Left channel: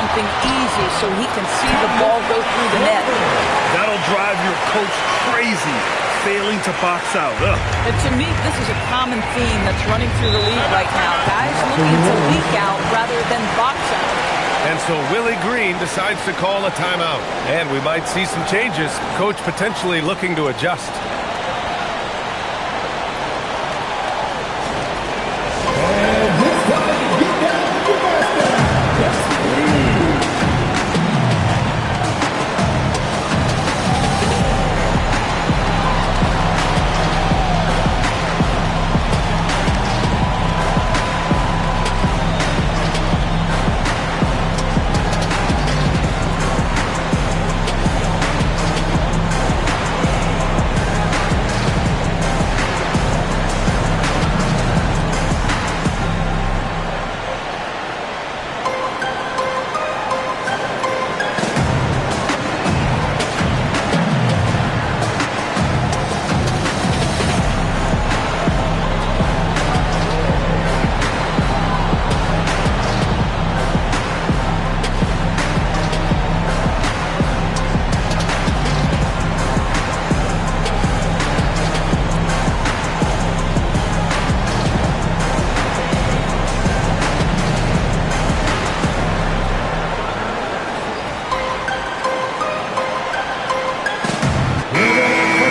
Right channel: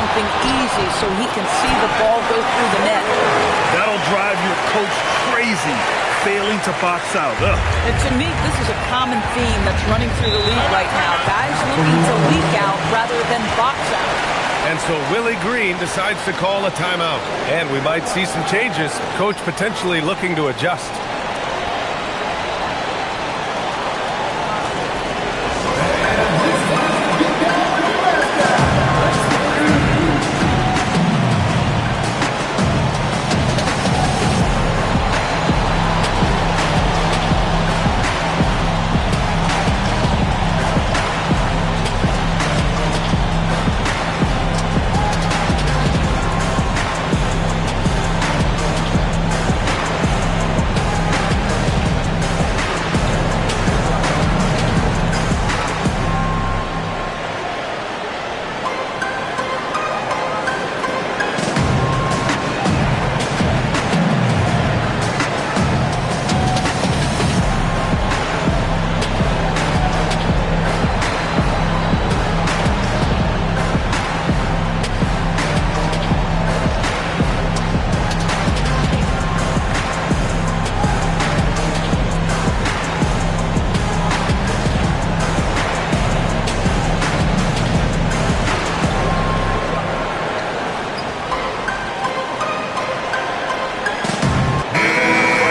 something easy so he can see the ball go through the net. That'll drive your coach crazy, failing to box out. Ugh. And to me, this is a common theme that's running through the league right now. Guys looking to leak out rather than box out. And so Willie Green decides to call a timeout. And we might see some changes. Coach potentially looking to adjust.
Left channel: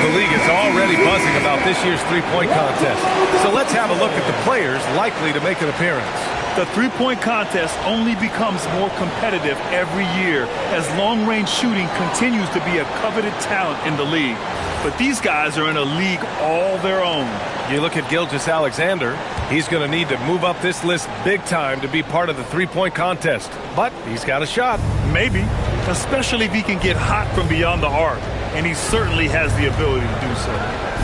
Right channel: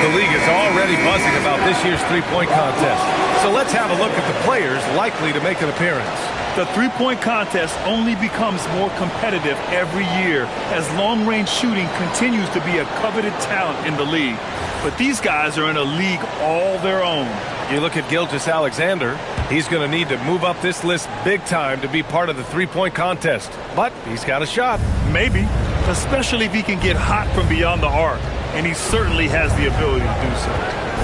The league is already buzzing about this year's three-point contest. So let's have a look at the players likely to make an appearance. The three-point contest only becomes more competitive every year as long-range shooting continues to be a coveted talent in the league. But these guys are in a league all their own. You look at Gilgeous-Alexander, he's going to need to move up this list big time to be part of the three-point contest. But he's got a shot. Maybe, especially if he can get hot from beyond the arc. And he certainly has the ability to do so.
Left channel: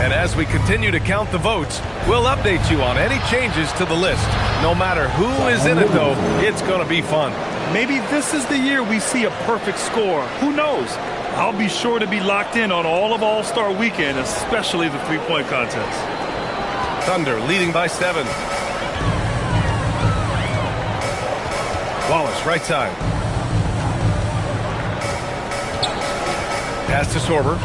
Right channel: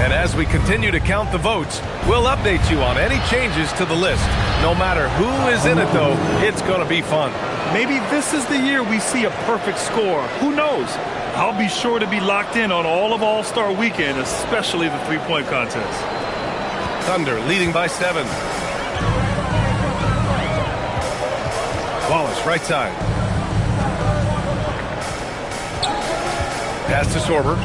And as we continue to count the votes, we'll update you on any changes to the list. No matter who is in it, though, it's going to be fun. Maybe this is the year we see a perfect score. Who knows? I'll be sure to be locked in on all of All-Star Weekend, especially the three-point contest. Thunder leading by 7. Wallace, right side. Pass to Sorber.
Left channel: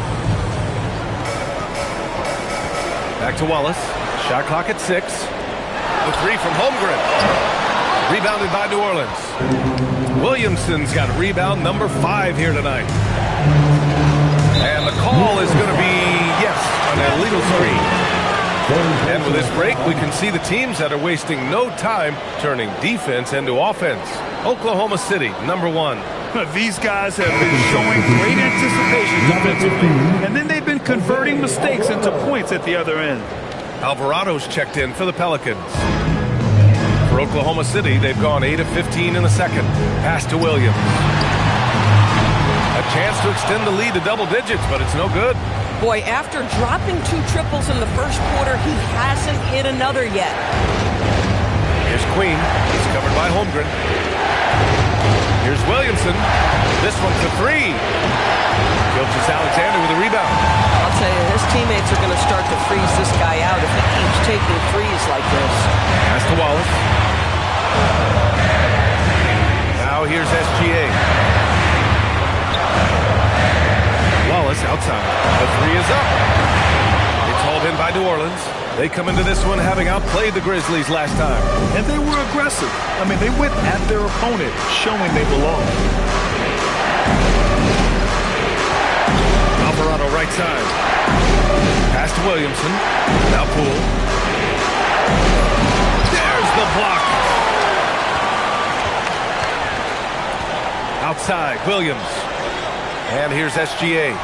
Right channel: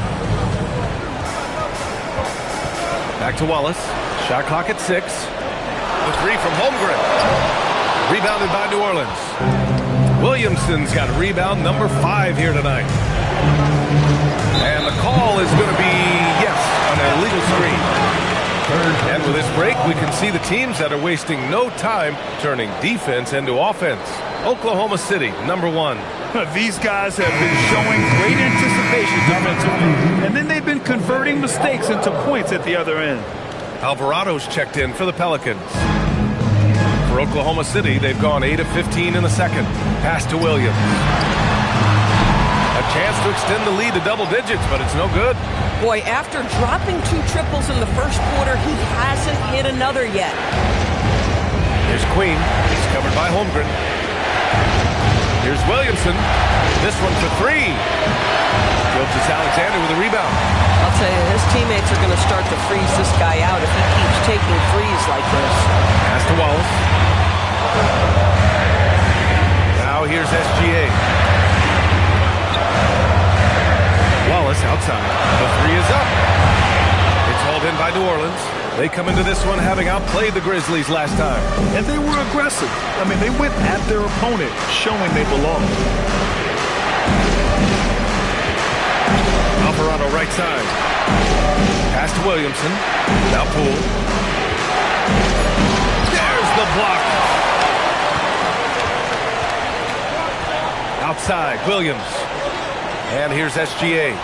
Back to Wallace. Shot clock at 6. The three from Holmgren. Rebounded by New Orleans. Williamson's got rebound number 5 here tonight. And the call is going to be, yes, an illegal screen. And with this break, we can see the teams that are wasting no time turning defense into offense. Oklahoma City, number 1. These guys have been showing great anticipation defensively, and then they've been converting mistakes into points at the other end. Alvarado's checked in for the Pelicans. For Oklahoma City, they've gone 8 of 15 in the second. Pass to Williams. A chance to extend the lead to double digits, but it's no good. Boy, after dropping 2 triples in the first quarter, he hasn't hit another yet. Here's Queen. He's covered by Holmgren. Here's Williamson. This one for 3. Gilgeous-Alexander with a rebound. I'll tell you, his teammates are going to start to freeze this guy out if he keeps taking threes like this. Pass to Wallace. Now here's SGA. Wallace outside. The 3 is up. It's hauled in by New Orleans. They come into this one having outplayed the Grizzlies last time. And they were aggressive. I mean, they went at their opponent, showing they belong. Alvarado right side. Pass to Williamson. Now Poole. There's the block. Outside, Williams. And here's SGA.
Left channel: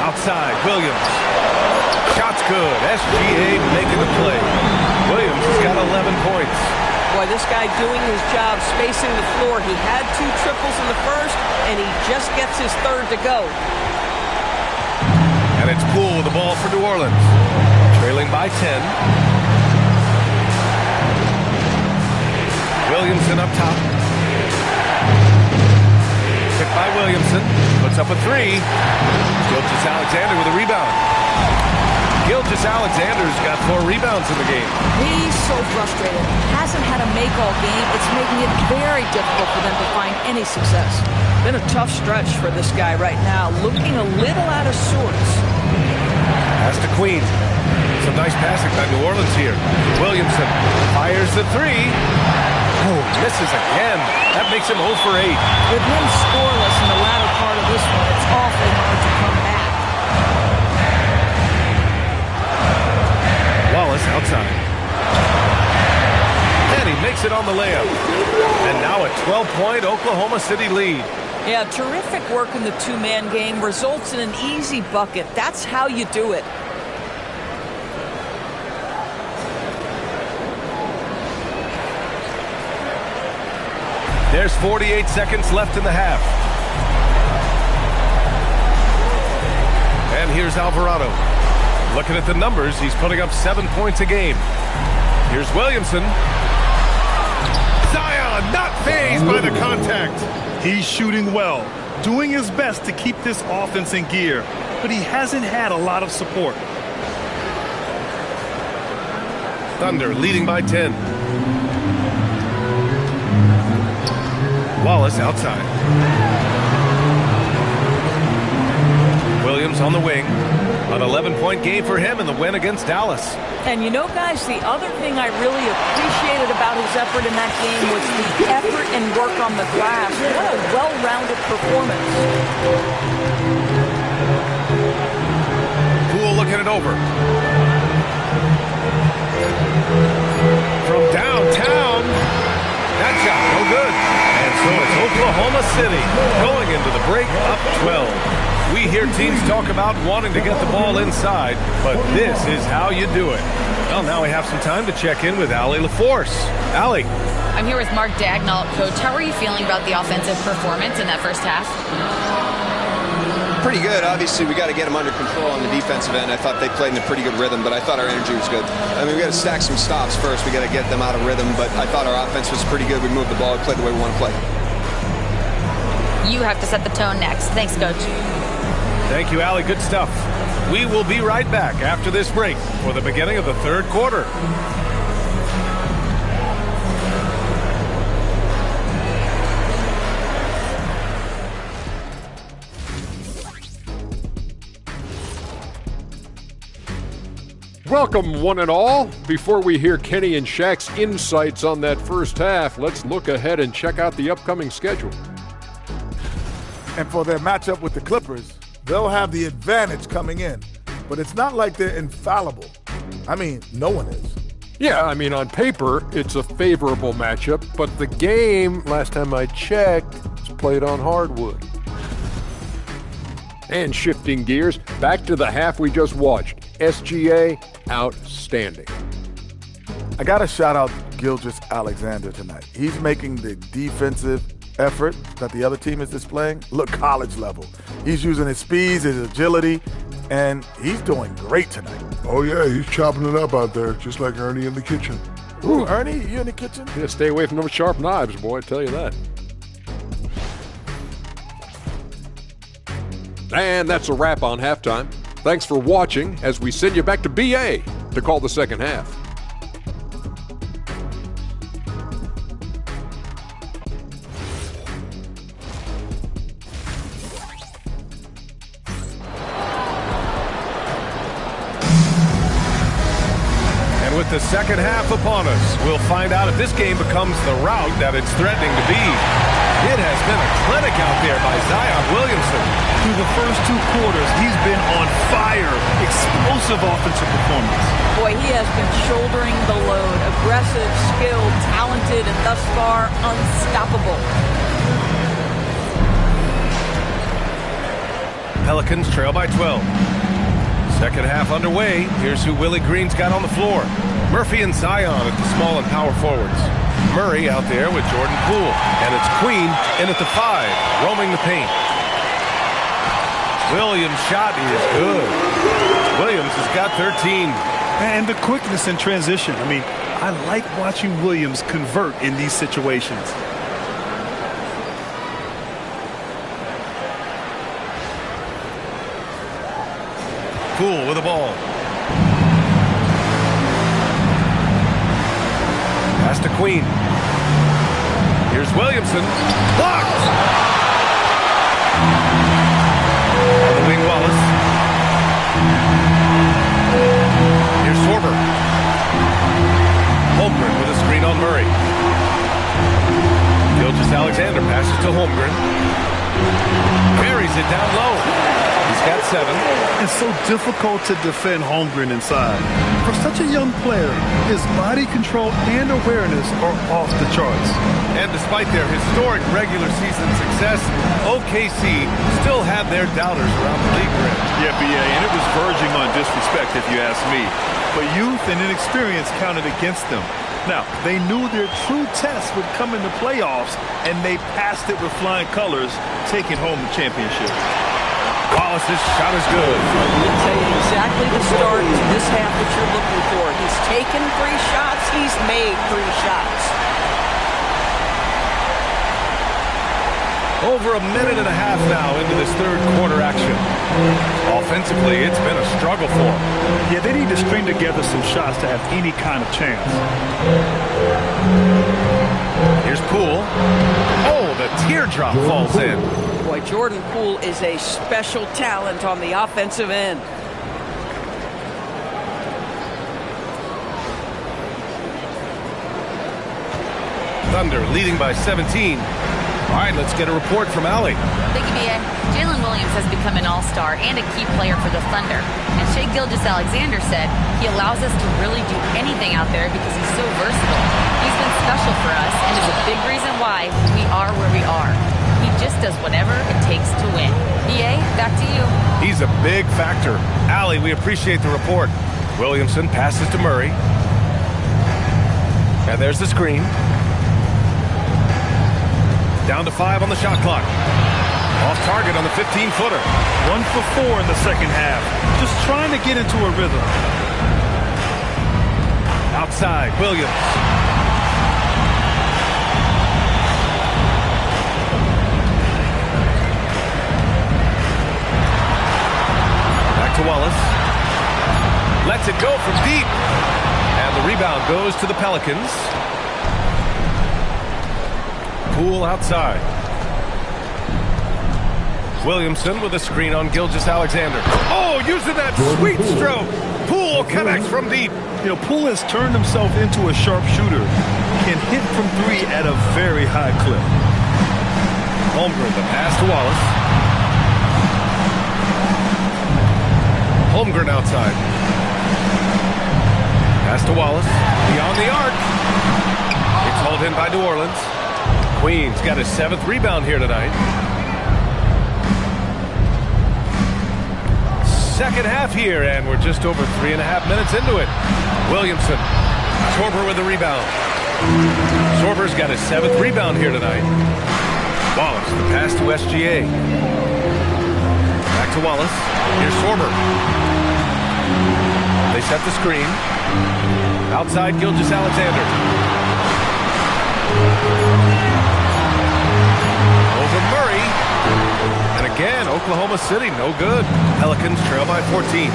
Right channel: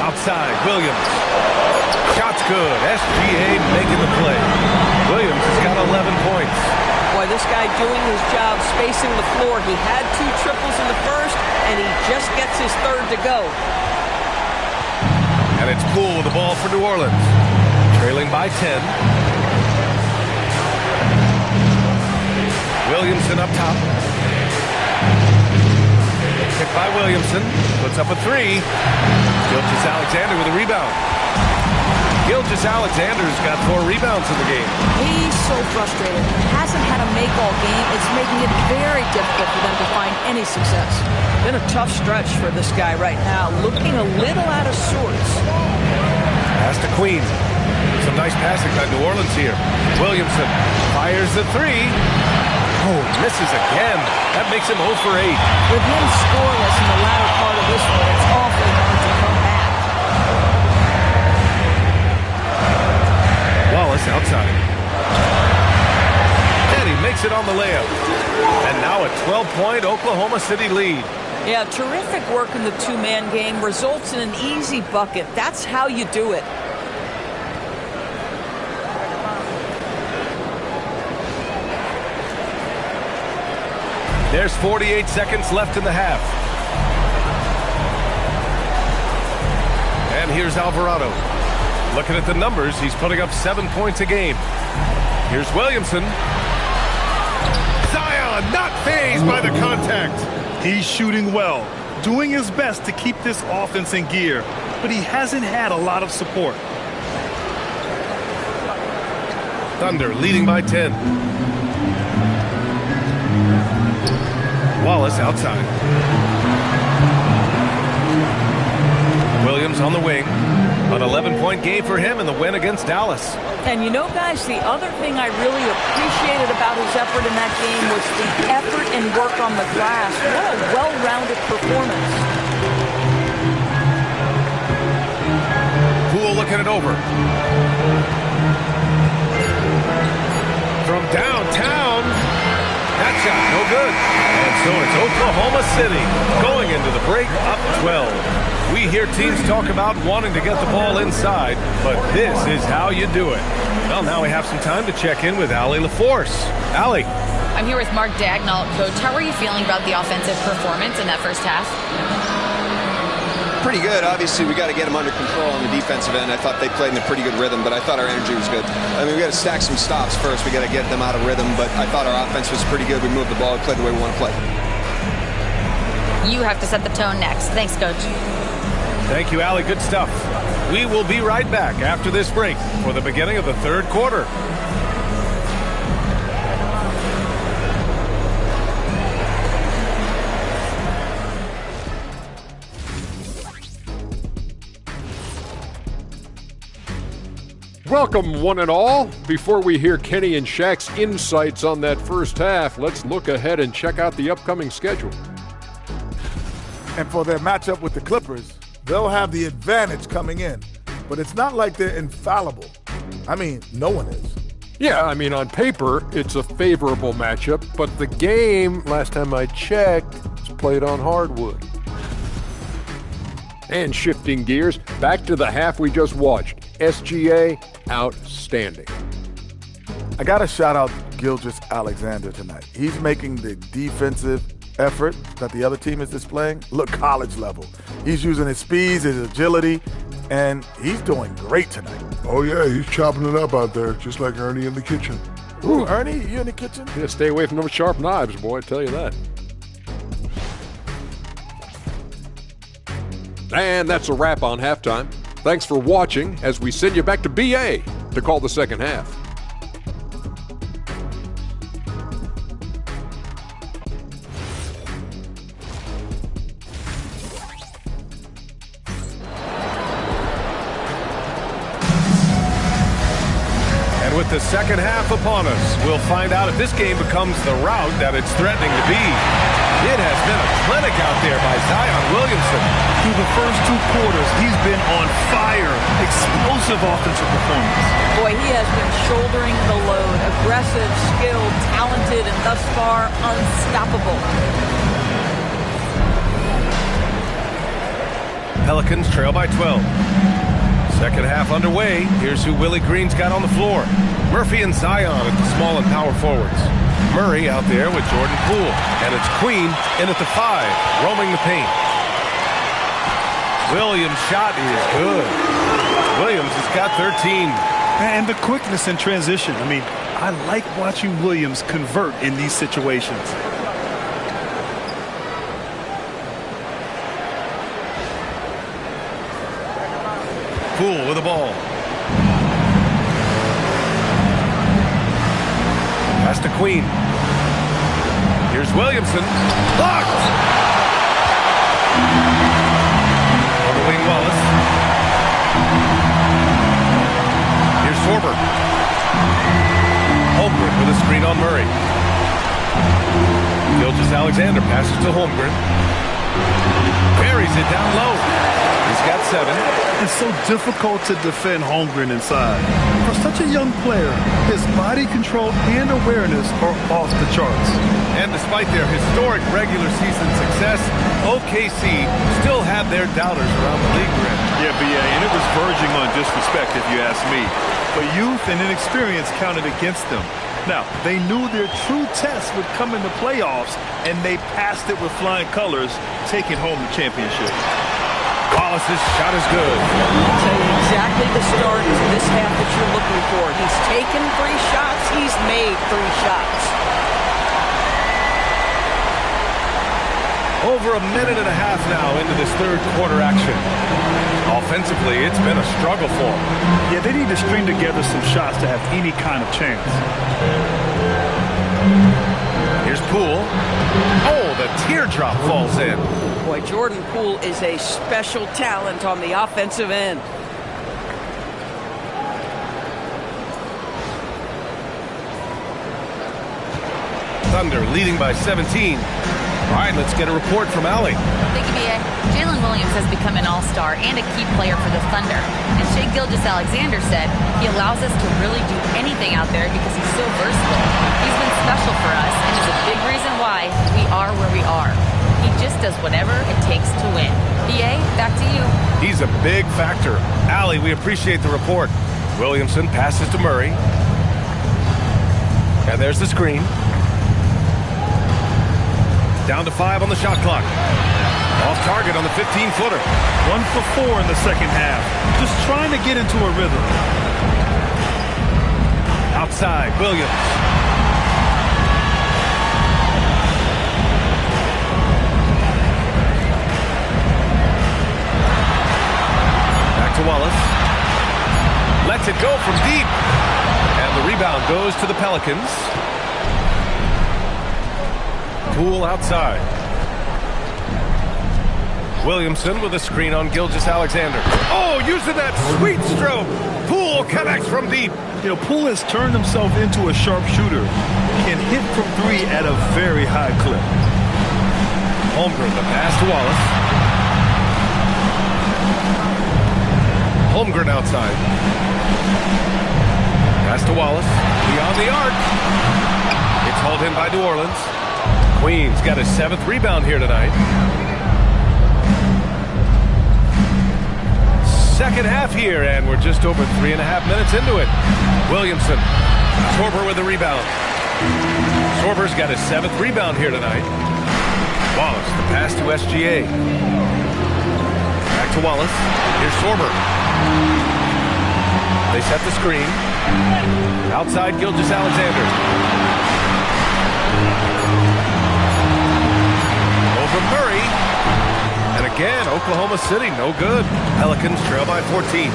Outside, Williams. Shot's good. SGA making the play. Williams has got 11 points. Boy, this guy doing his job, spacing the floor. He had 2 triples in the first, and he just gets his 3rd to go. And it's Poole with the ball for New Orleans. Trailing by 10. Williamson up top. Picked by Williamson. Puts up a 3. Gilgeous-Alexander with a rebound. Gilgeous-Alexander's got 4 rebounds in the game. He's so frustrated. Hasn't had a make all game. It's making it very difficult for them to find any success. Been a tough stretch for this guy right now. Looking a little out of sorts. Pass to Queen. Some nice passing by New Orleans here. Williamson fires the 3. Oh, misses again. That makes him 0 for 8. With him scoreless in the latter part of this one, it's awfully hard to come back. Wallace outside. And he makes it on the layup. And now a 12-point Oklahoma City lead. Yeah, terrific work in the two-man game. Results in an easy bucket. That's how you do it. There's 48 seconds left in the half. And here's Alvarado. Looking at the numbers, he's putting up 7 points a game. Here's Williamson. Zion not fazed by the contact. He's shooting well, doing his best to keep this offense in gear, but he hasn't had a lot of support. Thunder leading by 10. Wallace outside. Williams on the wing. An 11-point game for him in the win against Dallas. And you know, guys, the other thing I really appreciated about his effort in that game was the effort and work on the glass. What a well-rounded performance. Poole looking it over. From downtown. That shot no good. And so it's Oklahoma City going into the break up 12. We hear teams talk about wanting to get the ball inside, but this is how you do it. Well, now we have some time to check in with Allie LaForce. Allie. I'm here with Mark Dagnall. Coach, how are you feeling about the offensive performance in that first half? Pretty good. Obviously, we got to get them under control on the defensive end. I thought they played in a pretty good rhythm, but I thought our energy was good. I mean, we got to stack some stops first. We got to get them out of rhythm, but I thought our offense was pretty good. We moved the ball. We played the way we want to play. You have to set the tone next. Thanks, Coach. Thank you, Allie. Good stuff. We will be right back after this break for the beginning of the third quarter. Welcome, one and all. Before we hear Kenny and Shaq's insights on that first half, let's look ahead and check out the upcoming schedule. And for their matchup with the Clippers, they'll have the advantage coming in. But it's not like they're infallible. I mean, no one is. Yeah, I mean, on paper, it's a favorable matchup, but the game, last time I checked, was played on hardwood. And shifting gears, back to the half we just watched. SGA, outstanding. I got to shout out Gilgeous-Alexander tonight. He's making the defensive effort that the other team is displaying look college level. He's using his speed, his agility, and he's doing great tonight. Oh, yeah, he's chopping it up out there, just like Ernie in the kitchen. Ooh, Ernie, you in the kitchen? Yeah, stay away from those sharp knives, boy, I tell you that. And that's a wrap on halftime. Thanks for watching as we send you back to BA to call the second half. And with the second half upon us, we'll find out if this game becomes the rout that it's threatening to be. It has been a clinic out there by Zion Williamson. Through the first 2 quarters, he's been on fire. Explosive offensive performance. Boy, he has been shouldering the load. Aggressive, skilled, talented, and thus far unstoppable. Pelicans trail by 12. Second half underway. Here's who Willie Green's got on the floor. Murphy and Zion at the small and power forwards. Murray out there with Jordan Poole. And it's Queen in at the 5, roaming the paint. Williams' shot is good. Williams has got 13. And the quickness in transition. I mean, I like watching Williams convert in these situations. Poole with the ball. Pass to Queen. Here's Williamson. Blocked! On the wing, Wallace. Here's Sorber. Holmgren with a screen on Murray. Gilgeous-Alexander passes to Holmgren. Buries it down low. He's got 7. It's so difficult to defend Holmgren inside. For such a young player, his body control and awareness are off the charts. And despite their historic regular season success, OKC still had their doubters around the league rim. Yeah, B.A., and it was verging on disrespect if you ask me. But youth and inexperience counted against them. Now, they knew their true test would come in the playoffs, and they passed it with flying colors, taking home the championship. Wallace's shot is good. It's exactly the start to this half that you're looking for. He's taken 3 shots. He's made 3 shots. Over a minute and a half now into this third quarter action. Offensively, it's been a struggle for them. Yeah, they need to string together some shots to have any kind of chance. Here's Poole. Oh, the teardrop falls in. Boy, Jordan Poole is a special talent on the offensive end. Thunder leading by 17. All right, let's get a report from Allie. Thank you, B.A. Jalen Williams has become an all-star and a key player for the Thunder. And Shai Gilgeous-Alexander said he allows us to really do anything out there because he's so versatile. He's been special for us and is a big reason why we are where we are. He just does whatever it takes to win. B.A., back to you. He's a big factor. Allie, we appreciate the report. Williamson passes to Murray. And there's the screen. Down to 5 on the shot clock. Off target on the 15-footer. 1 for 4 in the second half. Just trying to get into a rhythm. Outside, Williams. Back to Wallace. Lets it go from deep. And the rebound goes to the Pelicans. Poole outside. Williamson with a screen on Gilgeous-Alexander. Oh, using that sweet stroke. Poole connects from deep. You know, Poole has turned himself into a sharpshooter. Can hit from 3 at a very high clip. Holmgren, the pass to Wallace. Holmgren outside. Pass to Wallace. Beyond the arc. It's hauled in by New Orleans. Queen's got his 7th rebound here tonight. Second half here, and we're just over 3.5 minutes into it. Williamson. Sorber with the rebound. Sorber's got his 7th rebound here tonight. Wallace, the pass to SGA. Back to Wallace. Here's Sorber. They set the screen. Outside, Gilgeous-Alexander. Over Murray. And again, Oklahoma City, no good. Pelicans trail by 14.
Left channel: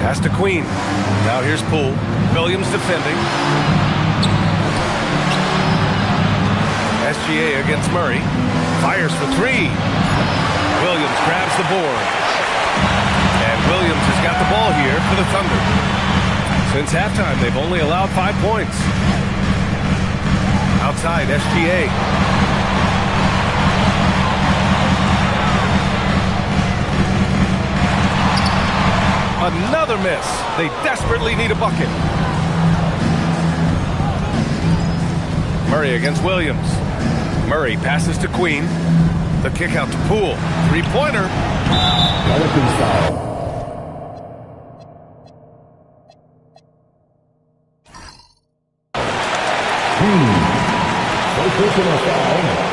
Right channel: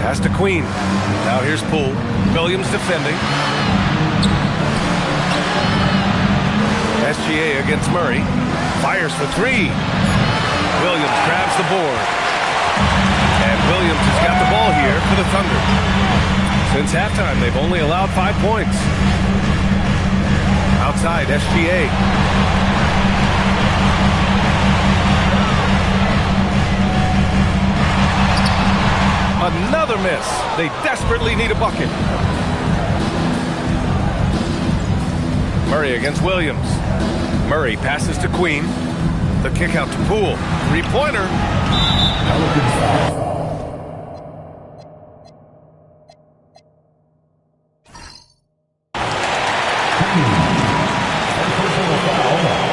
Pass to Queen. Now here's Poole. Williams defending. SGA against Murray. Fires for 3. Williams grabs the board. And Williams has got the ball here for the Thunder. Since halftime, they've only allowed 5 points. Outside, SGA. Another miss. They desperately need a bucket. Murray against Williams. Murray passes to Queen. The kick out to Poole. 3-pointer. Pelicans foul.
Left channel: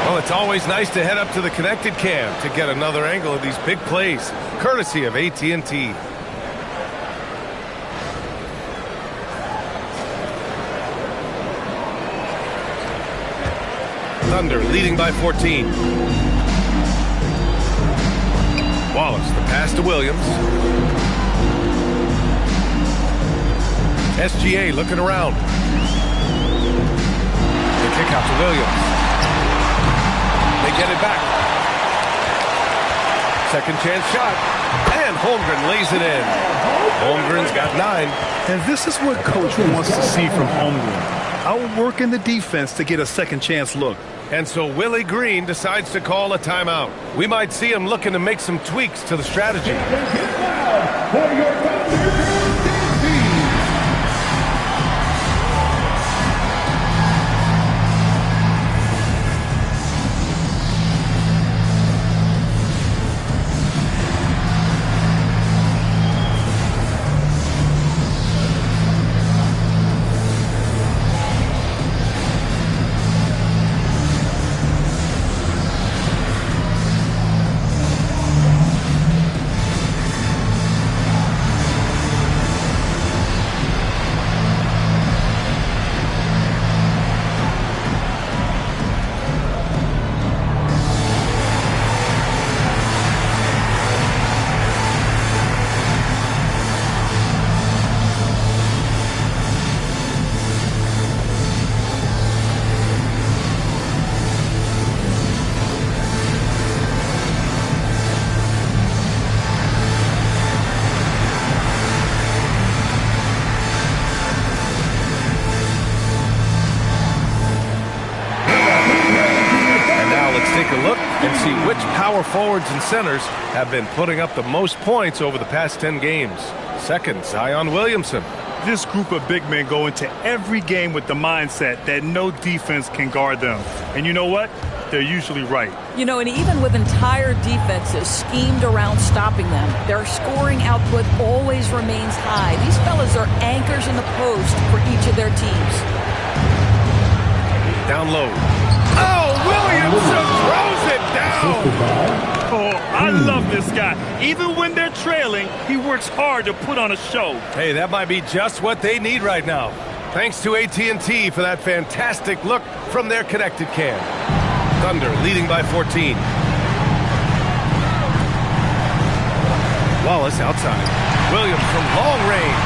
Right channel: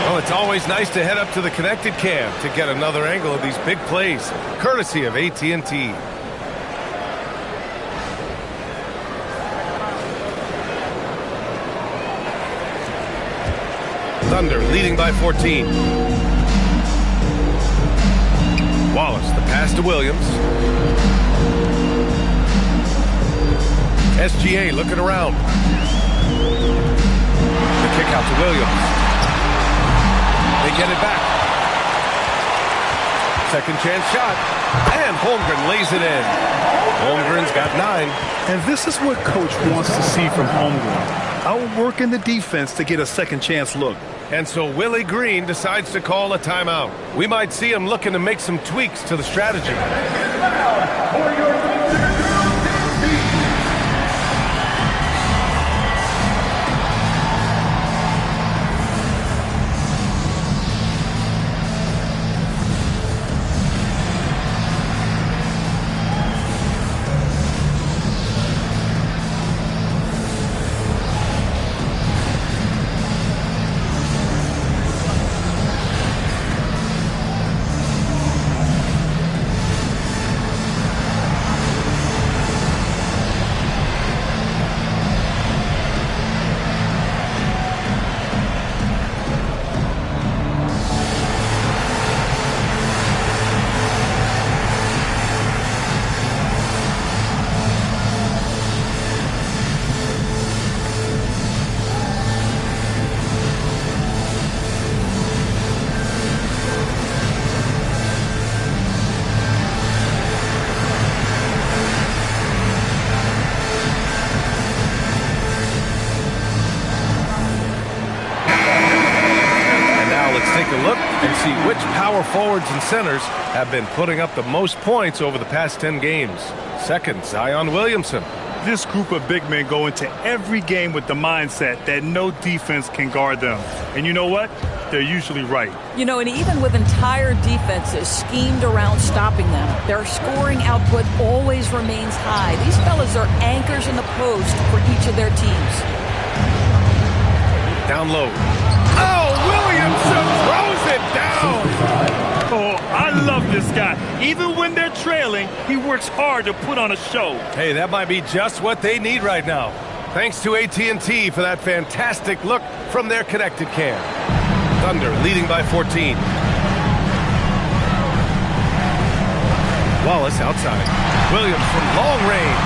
Well, it's always nice to head up to the connected cam to get another angle of these big plays, courtesy of AT&T. Thunder leading by 14. Wallace, the pass to Williams. SGA looking around. The kick out to Williams. They get it back. Second chance shot. And Holmgren lays it in. Holmgren's got 9. And this is what Coach wants to see from Holmgren. Outworking the defense to get a second chance look. And so Willie Green decides to call a timeout. We might see him looking to make some tweaks to the strategy. For your take a look and see which power forwards and centers have been putting up the most points over the past 10 games. Second, Zion Williamson. This group of big men go into every game with the mindset that no defense can guard them. And you know what? They're usually right. You know, and even with entire defenses schemed around stopping them, their scoring output always remains high. These fellas are anchors in the post for each of their teams. Down low. Oh, Williamson throws it down. Oh, I love this guy. Even when they're trailing, he works hard to put on a show. Hey, that might be just what they need right now. Thanks to AT&T for that fantastic look from their connected cam. Thunder leading by 14. Wallace outside. Williams from long range.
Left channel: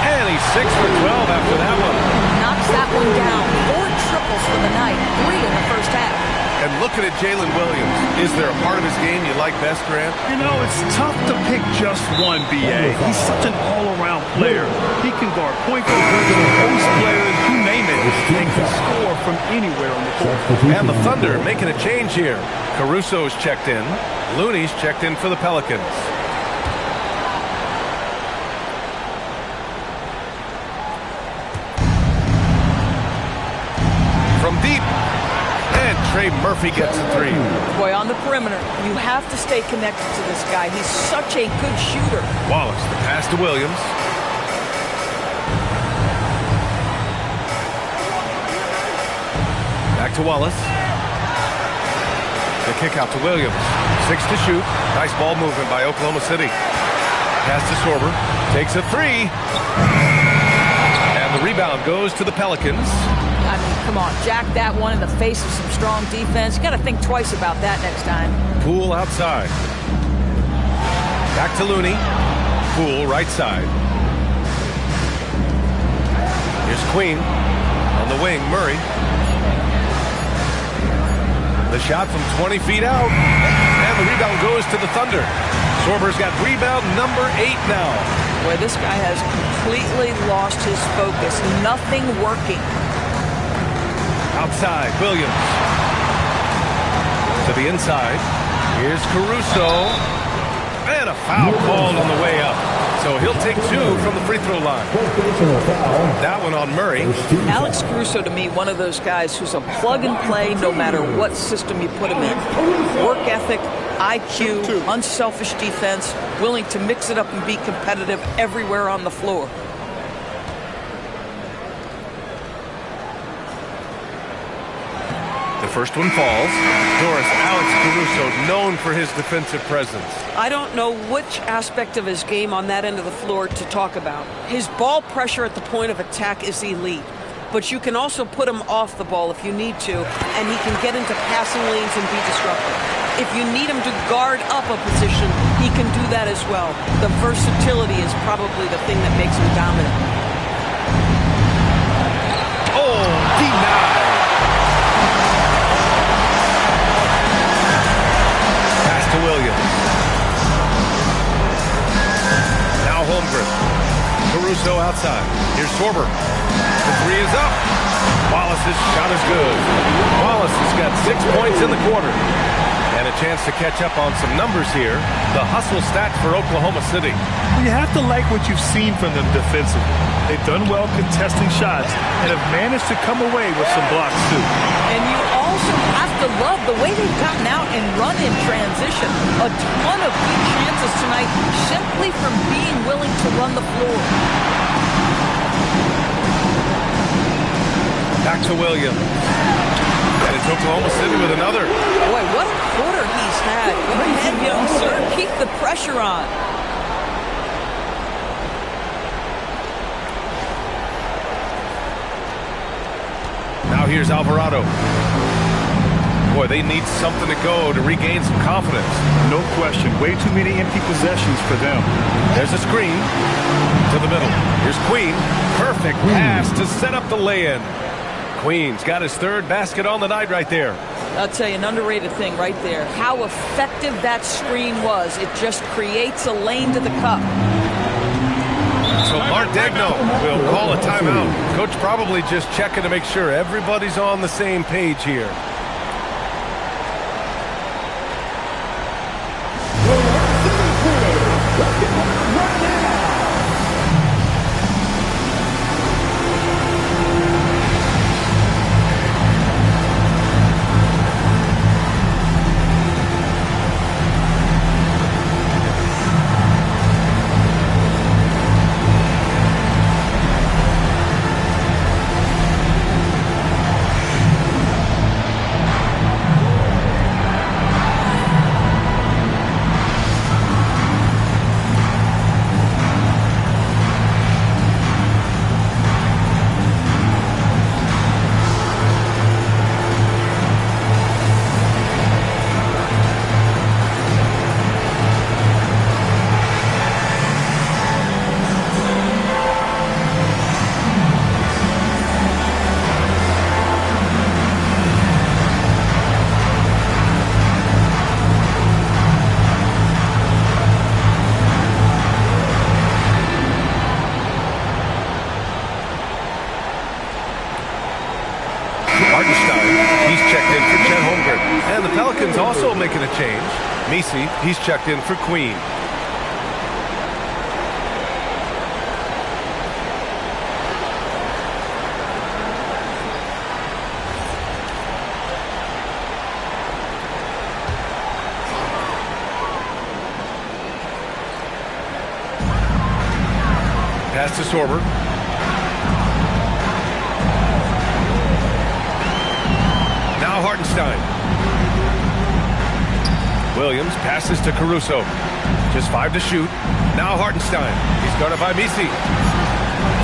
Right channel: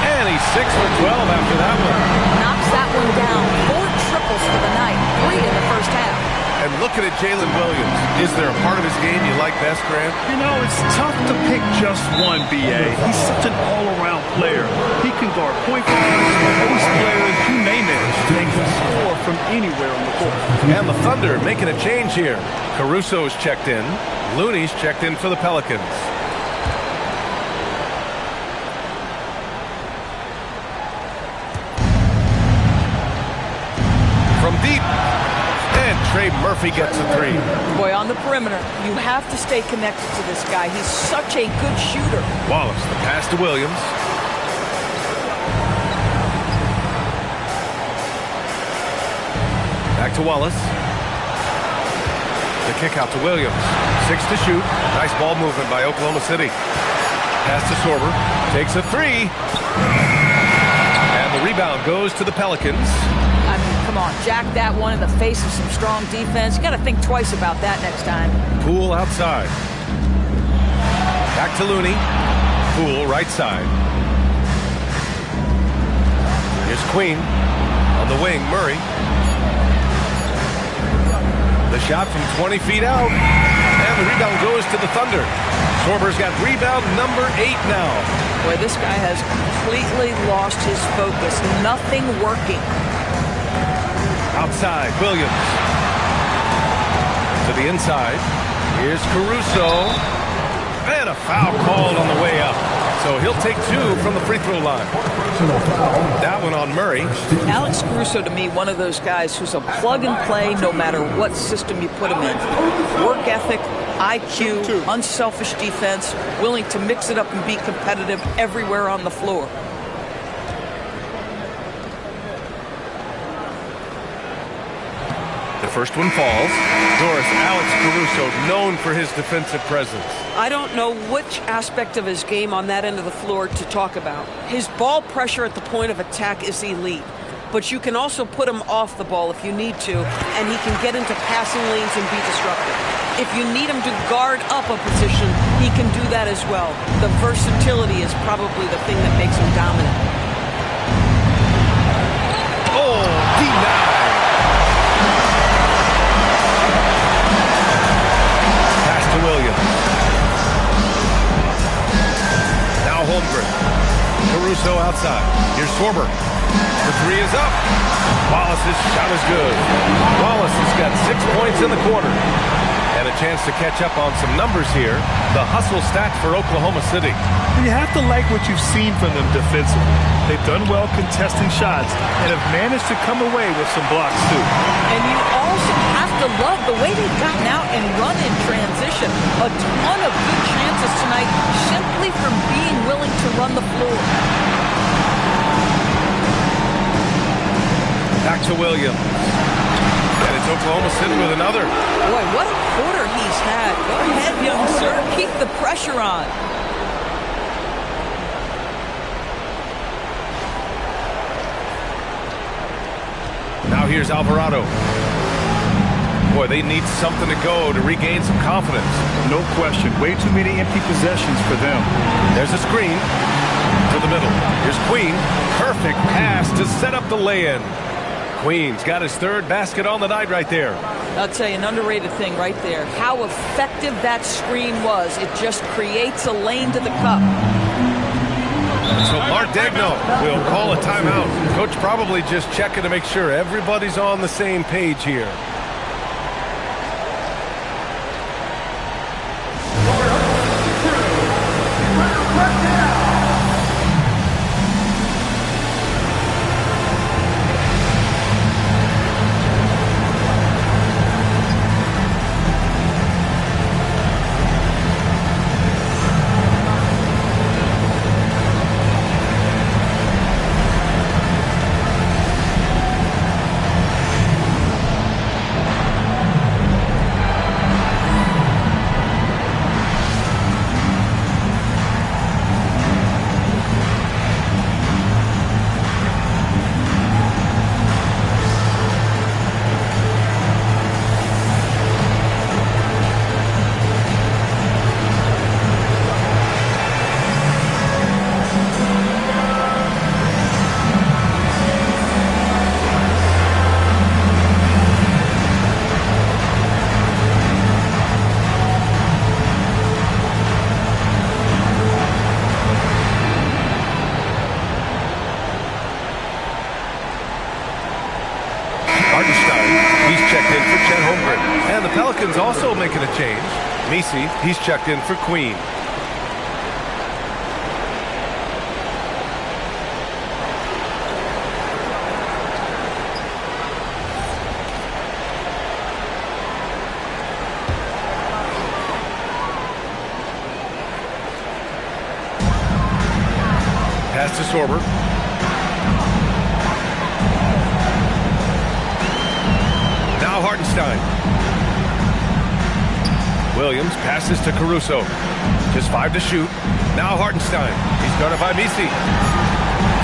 And he's 6 for 12 after that one. Knocks that one down. 4 triples for the night. 3 in the first half. And looking at Jalen Williams, is there a part of his game you like best, Grant? You know, it's tough to pick just one, B.A. He's such an all-around player. He can guard point guards, post players, you name it, and can score from anywhere on the court. And the Thunder making a change here. Caruso's checked in. Looney's checked in for the Pelicans. From deep. And Trey Murphy gets a 3. Boy, on the perimeter, you have to stay connected to this guy. He's such a good shooter. Wallace, the pass to Williams. Back to Wallace. The kick out to Williams. 6 to shoot. Nice ball movement by Oklahoma City. Pass to Sorber. Takes a 3. And the rebound goes to the Pelicans. I mean, come on, jack that one in the face of some strong defense. You got to think twice about that next time. Poole outside. Back to Looney. Poole right side. Here's Queen. On the wing, Murray. The shot from 20 feet out. And the rebound goes to the Thunder. Sorber's got rebound number 8 now. Boy, this guy has completely lost his focus. Nothing working. Outside, Williams. To the inside. Here's Caruso. And a foul called on the way up. So he'll take 2 from the free throw line. That one on Murray. Alex Caruso, to me, one of those guys who's a plug and play no matter what system you put him in. Work ethic, IQ, unselfish defense, willing to mix it up and be competitive everywhere on the floor. The first one falls. Doris, Alex Caruso, known for his defensive presence. I don't know which aspect of his game on that end of the floor to talk about. His ball pressure at the point of attack is elite, but you can also put him off the ball if you need to, and he can get into passing lanes and be disruptive. If you need him to guard up a position, he can do that as well. The versatility is probably the thing that makes him dominant. Oh, denied. Pass to Williams. Now Holmgren. Caruso outside. Here's Schwarber. The three is up. Wallace's shot is good. Wallace has got 6 points in the quarter. And a chance to catch up on some numbers here. The hustle stats for Oklahoma City. Well, you have to like what you've seen from them defensively. They've done well contesting shots and have managed to come away with some blocks, too. And you also have to love the way they've gotten out and run in transition. A ton of good chances tonight simply from being willing to run the floor. Back to Williams. And it's Oklahoma City with another. Boy, what a quarter he's had. Go ahead, young sir. Keep the pressure on. Now here's Alvarado. Boy, they need something to go to regain some confidence. No question. Way too many empty possessions for them. There's a screen to the middle. Here's Queen. Perfect pass to set up the lay-in. Queen's got his third basket on the night right there. I'll tell you, an underrated thing right there. How effective that screen was. It just creates a lane to the cup. So Mark Daigneault will call a timeout. Coach probably just checking to make sure everybody's on the same page here. And the Pelicans also making a change. Messi, he's checked in for Queen. Pass to Sorber. Now Hartenstein. Williams passes to Caruso. Just 5 to shoot. Now Hartenstein. He's guarded by Messi.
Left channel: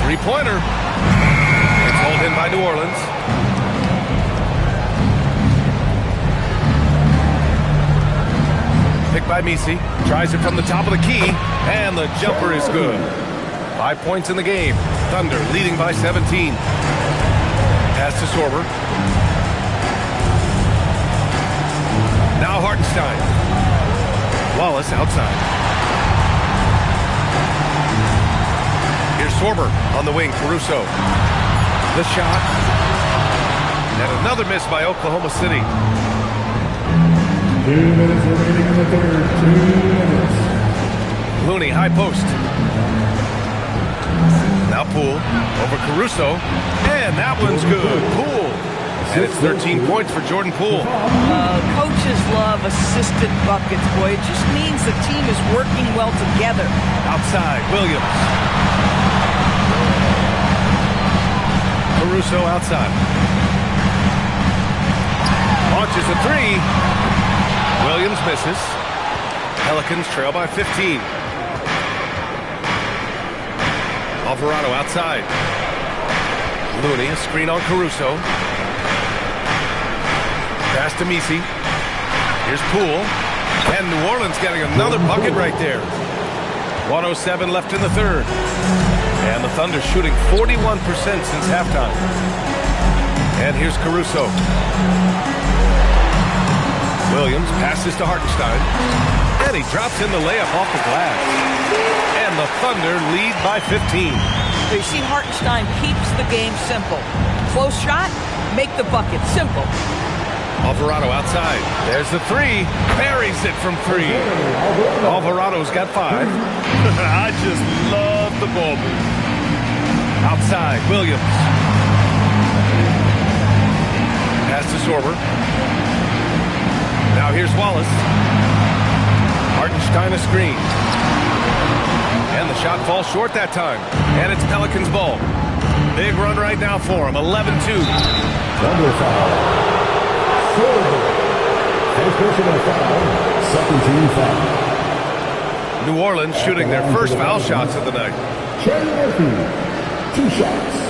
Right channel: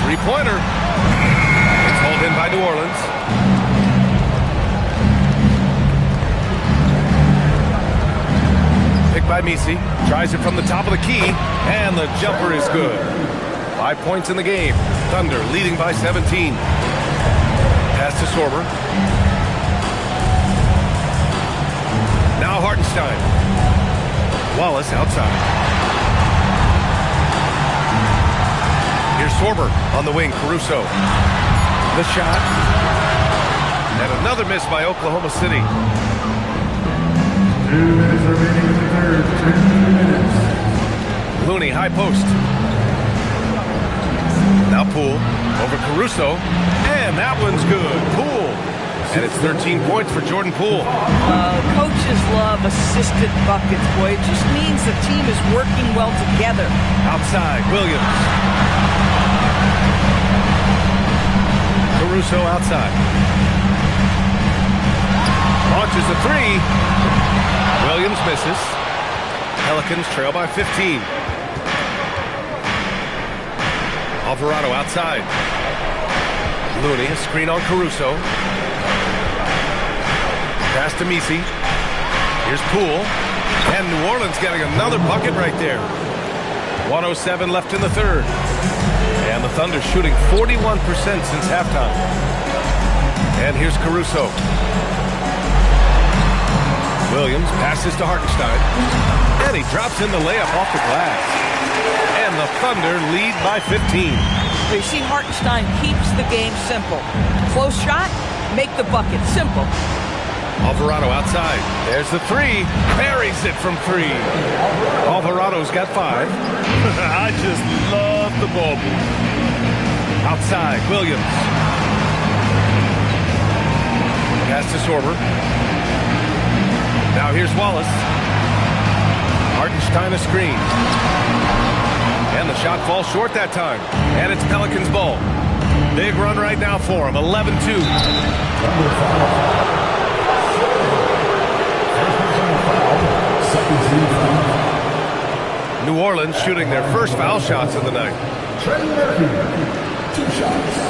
Three-pointer. It's hauled in by New Orleans. Picked by Messi. Tries it from the top of the key. And the jumper is good. 5 points in the game. Thunder leading by 17. Pass to Sorber. Now Hartenstein. Wallace outside. Here's Sorber on the wing. Caruso. The shot. And another miss by Oklahoma City. 2 minutes remaining in the third. 2 minutes. Looney, high post. Now Poole over Caruso. And that one's good. Poole. And it's 13 points for Jordan Poole. Coaches love assisted buckets, boy. It just means the team is working well together. Outside, Williams. Caruso outside. Launches a three. Williams misses. Pelicans trail by 15. Alvarado outside. Looney, a screen on Caruso. Pass to Messi. Here's Poole. And New Orleans getting another bucket right there. 1:07 left in the third. And the Thunder shooting 41% since halftime. And here's Caruso. Williams passes to Hartenstein. And he drops in the layup off the glass. And the Thunder lead by 15. You see, Hartenstein keeps the game simple. Close shot, make the bucket. Simple. Alvarado outside. There's the three. Buries it from 3. Alvarado's got 5. I just love the ball move. Outside, Williams. Pass to Sorber. Now here's Wallace. Hartenstein a screen. And the shot falls short that time. And it's Pelicans ball. Big run right now for him. 11-2. Thunder foul. First personal foul. Second team foul. New Orleans shooting their first foul shots of the night. Trey Murphy. 2 shots.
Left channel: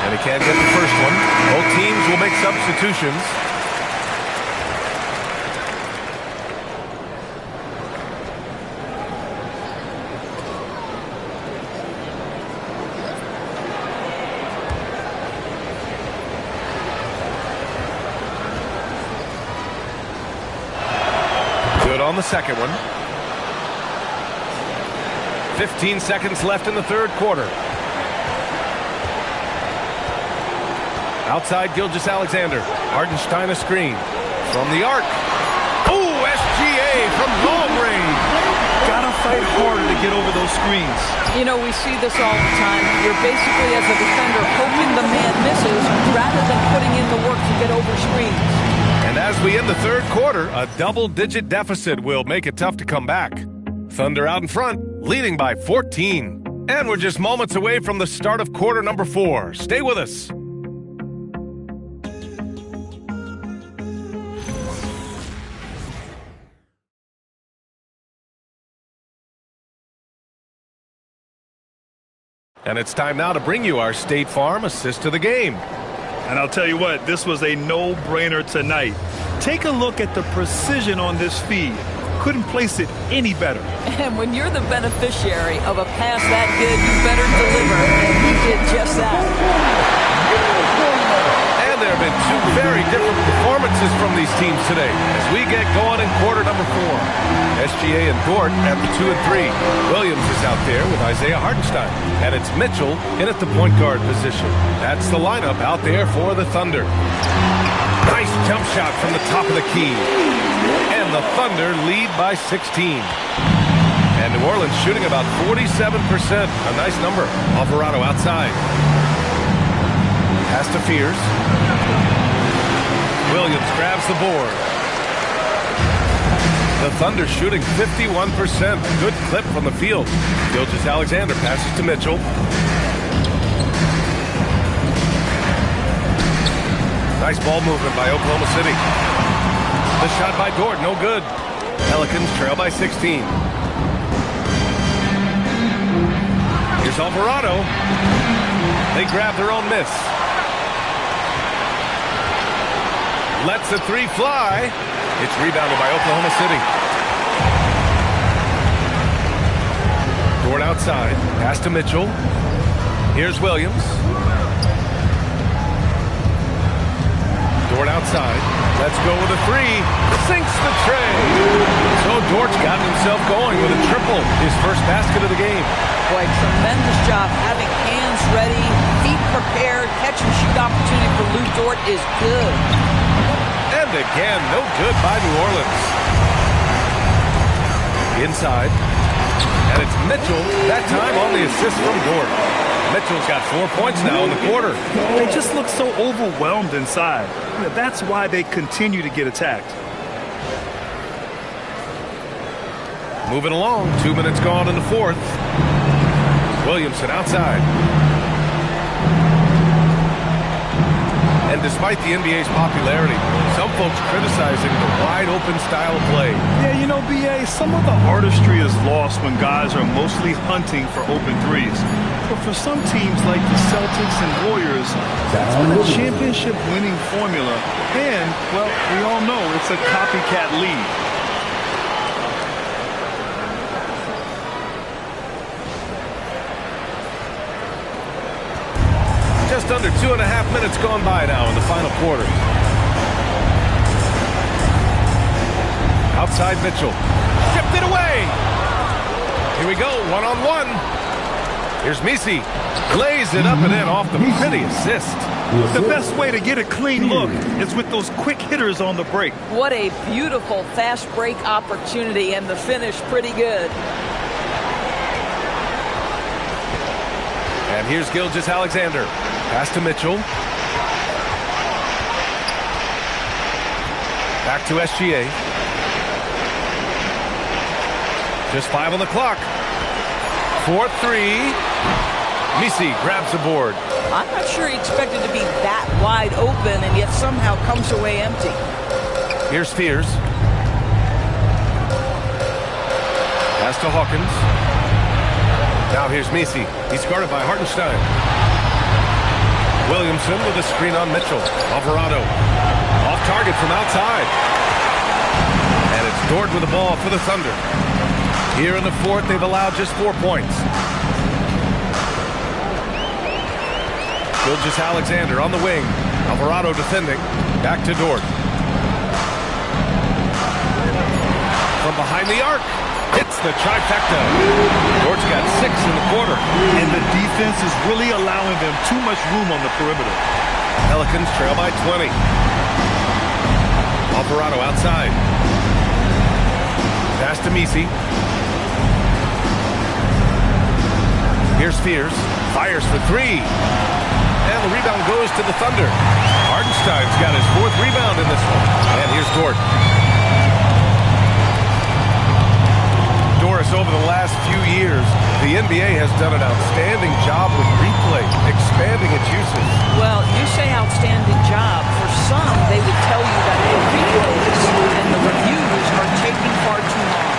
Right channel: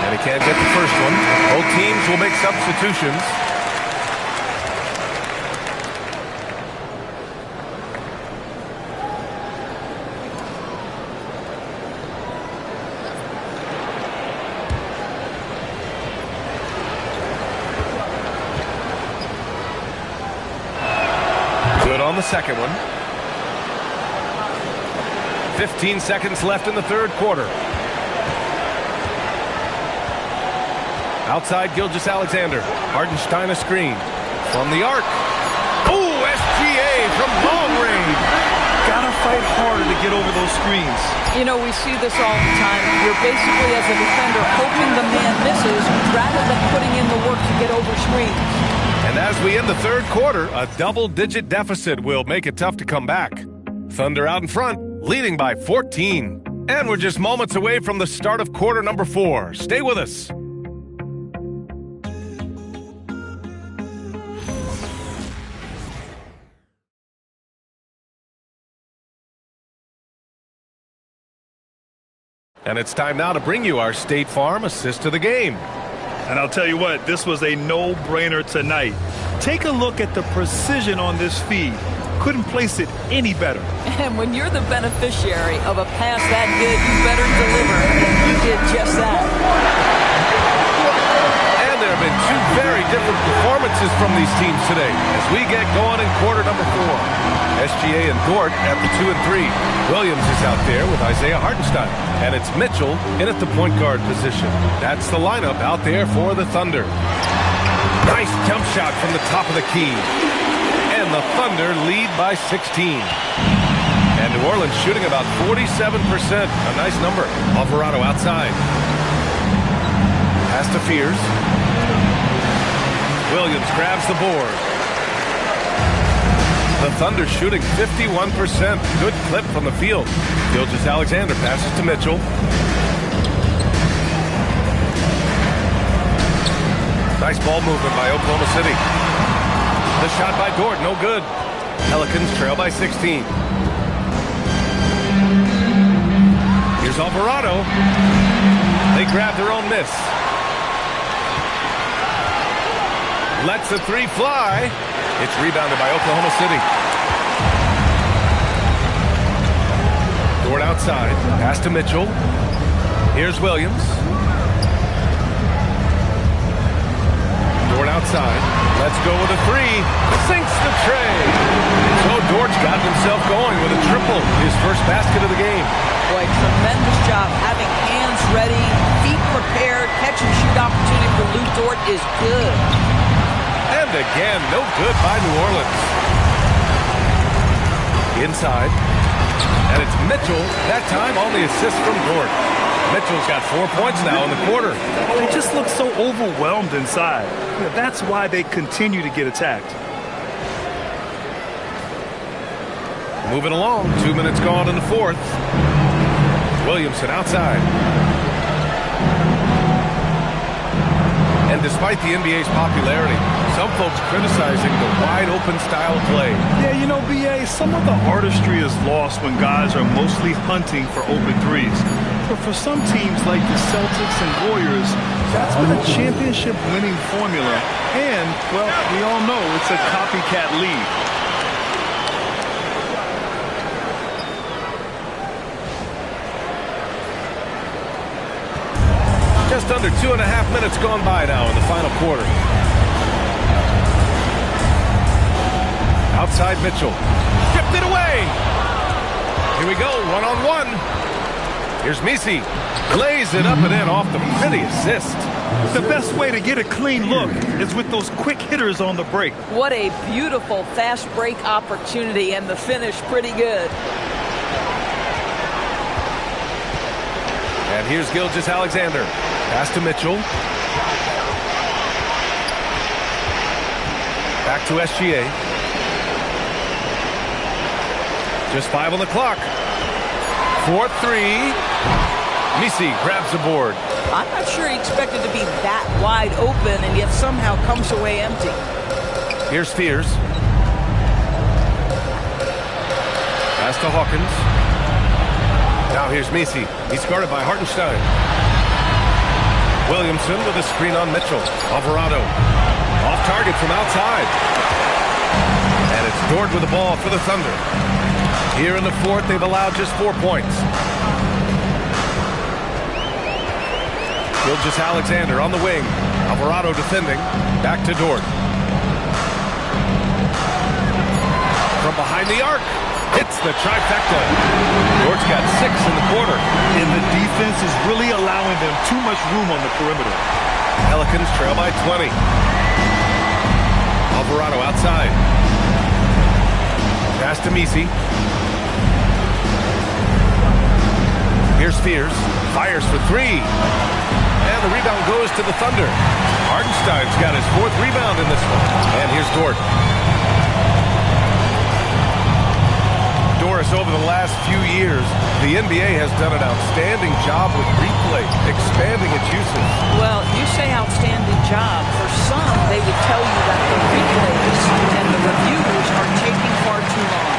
And he can't get the first one. Both teams will make substitutions. Good on the second one. 15 seconds left in the third quarter. Outside, Gilgeous-Alexander. Hartenstein a screen. From the arc. Oh, SGA from long range. Gotta fight harder to get over those screens. You know, we see this all the time. You're basically, as a defender, hoping the man misses rather than putting in the work to get over screens. And as we end the third quarter, a double-digit deficit will make it tough to come back. Thunder out in front, leading by 14. And we're just moments away from the start of quarter number 4. Stay with us. And it's time now to bring you our State Farm assist of the game. And I'll tell you what, this was a no-brainer tonight. Take a look at the precision on this feed. Couldn't place it any better. And when you're the beneficiary of a pass that good, you better deliver. And he did just that. And there have been 2 very different performances from these teams today as we get going in quarter number 4. SGA and Dort at the 2 and 3. Williams is out there with Isaiah Hartenstein. And it's Mitchell in at the point guard position. That's the lineup out there for the Thunder. Nice jump shot from the top of the key. And the Thunder lead by 16. And New Orleans shooting about 47%. A nice number. Alvarado outside. Pass to Fears. Williams grabs the board. The Thunder shooting 51%. Good clip from the field. Gilgeous-Alexander passes to Mitchell. Nice ball movement by Oklahoma City. The shot by Dort, no good. Pelicans trail by 16. Here's Alvarado. They grab their own miss. Lets the 3 fly. It's rebounded by Oklahoma City. Dort outside. Pass to Mitchell. Here's Williams. Dort outside. Let's go with a 3. Sinks the tray. So Dort's got himself going with a triple. His first basket of the game. Boy, tremendous job having hands ready, feet prepared. Catch and shoot opportunity for Lou Dort is good. And again, no good by New Orleans. Inside. And it's Mitchell, that time on the assist from Dort. Mitchell's got 4 points now in the quarter. They just look so overwhelmed inside. You know, that's why they continue to get attacked. Moving along, 2 minutes gone in the fourth. Williamson outside. And despite the NBA's popularity, some folks criticizing the wide-open style of play. Yeah, you know, B.A., some of the artistry is lost when guys are mostly hunting for open threes. But for some teams like the Celtics and Warriors, that's been a championship-winning formula. And, well, we all know it's a copycat league. Just under 2.5 minutes gone by now in the final quarter. Outside Mitchell. Stripped it away. Here we go, one-on-one. Here's Misi. Lays it up and in off the pretty assist. The best way to get a clean look is with those quick hitters on the break. What a beautiful fast break opportunity, and the finish pretty good. And here's Gilgeous-Alexander. Pass to Mitchell. Back to SGA. Just 5 on the clock. 4-3. Misi grabs the board. I'm not sure he expected to be that wide open and yet somehow comes away empty. Here's Spears. Pass to Hawkins. Now here's Misi. He's guarded by Hartenstein. Williamson with a screen on Mitchell. Alvarado. Off target from outside. And it's Dort with the ball for the Thunder. Here in the fourth, they've allowed just 4 points. Gilgeous-Alexander on the wing. Alvarado defending. Back to Dort. From behind the arc. Hits the trifecta. Dort's got 6 in the quarter. And the defense is really allowing them too much room on the perimeter. Pelicans trail by 20. Alvarado outside. Pass to Misi. Here's Spears. Fires for 3. And the rebound goes to the Thunder. Hartenstein's got his 4th rebound in this one. And here's Dort. Doris, over the last few years, the NBA has done an outstanding job with replay, expanding its usage. Well, you say outstanding job. For some, they would tell you that the replays and the reviews are taking far too long.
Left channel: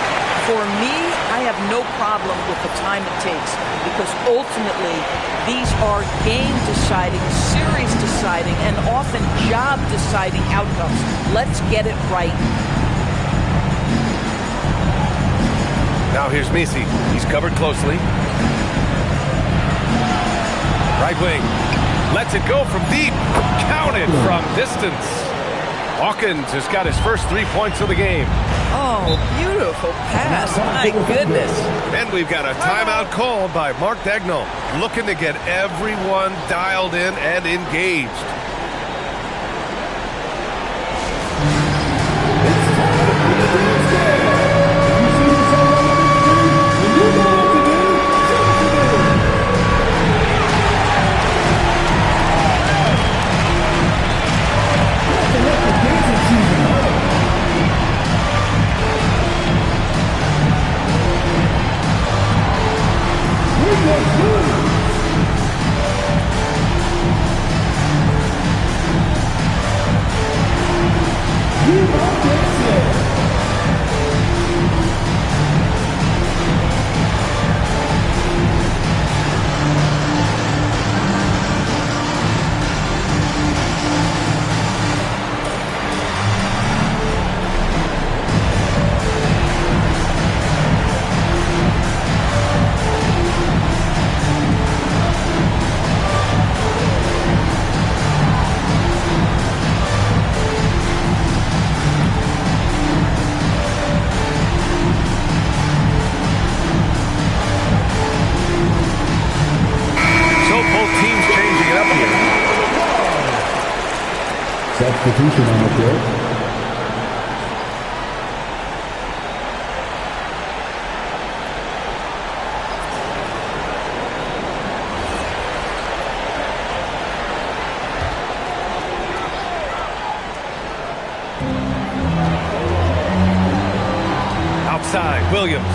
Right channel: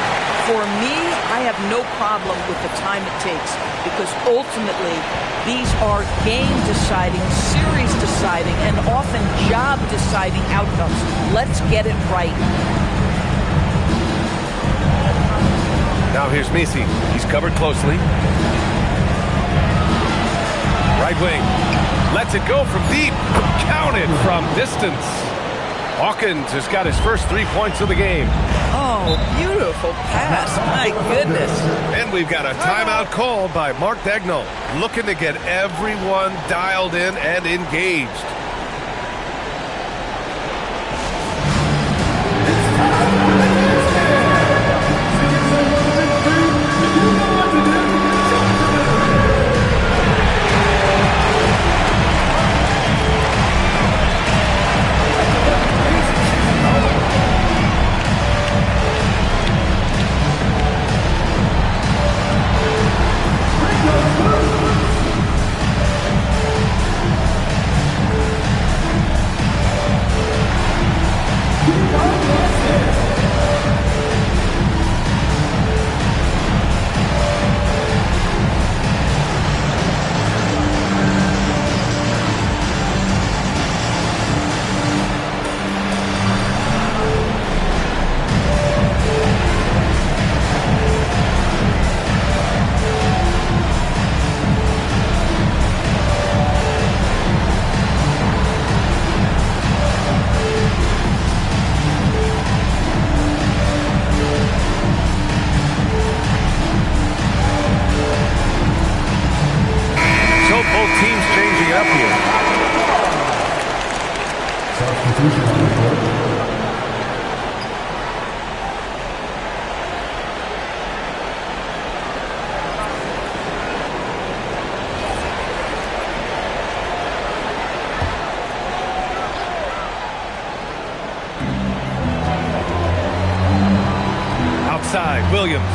For me, I have no problem with the time it takes because ultimately these are game-deciding, series-deciding, and often job-deciding outcomes. Let's get it right. Now here's Misi. He's covered closely. Right wing. Lets it go from deep. Counted from distance. Hawkins has got his first 3 points of the game. Oh, beautiful pass. My goodness. And we've got a timeout called by Mark Daigneault, looking to get everyone dialed in and engaged. Substitution on the field. Outside, Williams.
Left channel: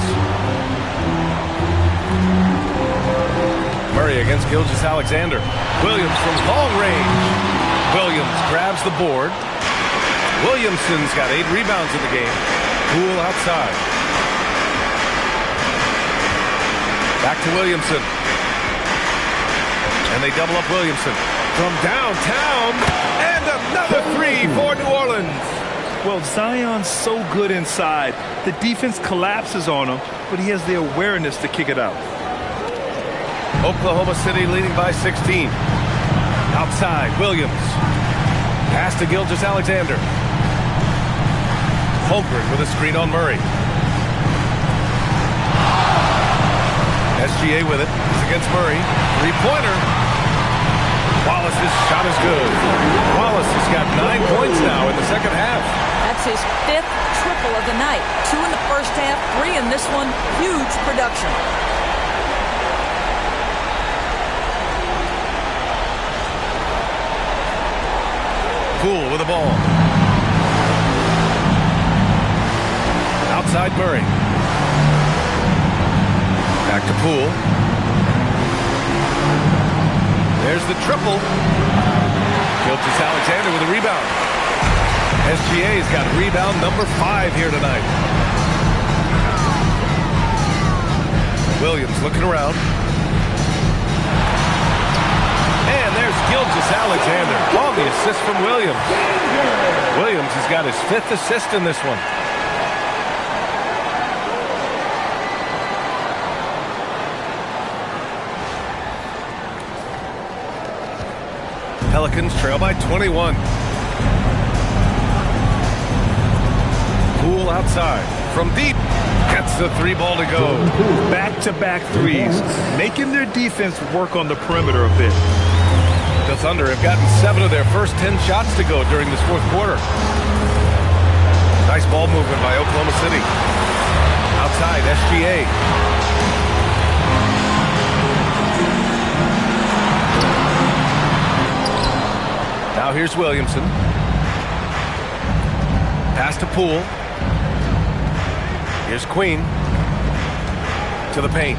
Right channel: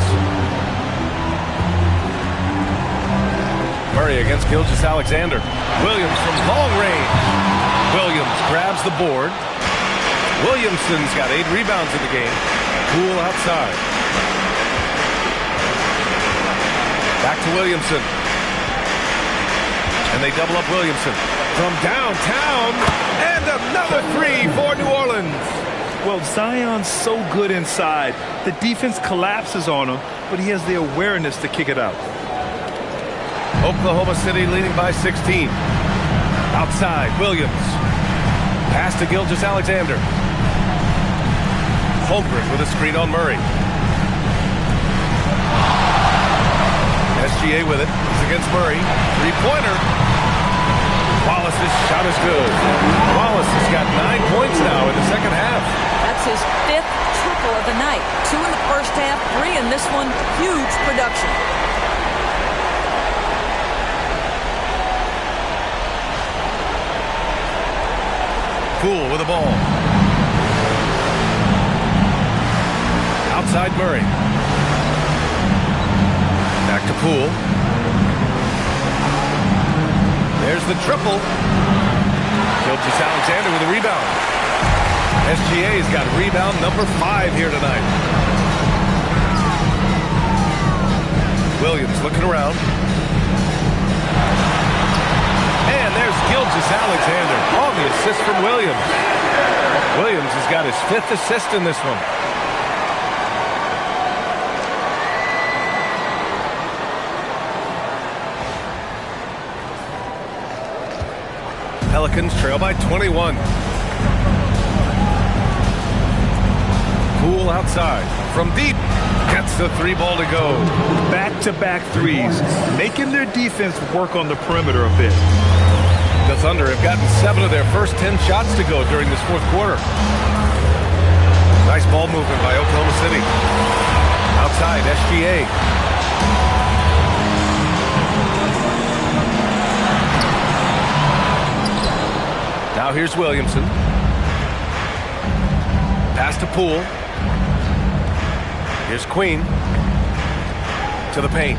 Murray against Gilgeous-Alexander. Williams from long range. Williams grabs the board. Williamson's got 8 rebounds in the game. Poole outside. Back to Williamson. And they double up Williamson. From downtown, and another three for New Orleans. Well, Zion's so good inside. The defense collapses on him, but he has the awareness to kick it out. Oklahoma City leading by 16. Outside, Williams. Pass to Gilgeous-Alexander. Holmgren with a screen on Murray. SGA with it. He's against Murray. Three-pointer. Wallace's shot is good. Wallace has got 9 points now in the second half. That's his 5th triple of the night. 2 in the first half, 3 in this one. Huge production. Poole with the ball. Outside Murray. Back to Poole. There's the triple. Gilgeous-Alexander with a rebound. SGA's got rebound number 5 here tonight. Williams looking around. And there's Gilgeous-Alexander on the assist from Williams. Williams has got his 5th assist in this one. Pelicans trail by 21. Poole outside. From deep. Gets the 3-ball to go. Back-to-back threes, making their defense work on the perimeter a bit. The Thunder have gotten 7 of their first 10 shots to go during this fourth quarter. Nice ball movement by Oklahoma City. Outside, SGA. Now here's Williamson. Pass to Poole. Here's Queen. To the paint.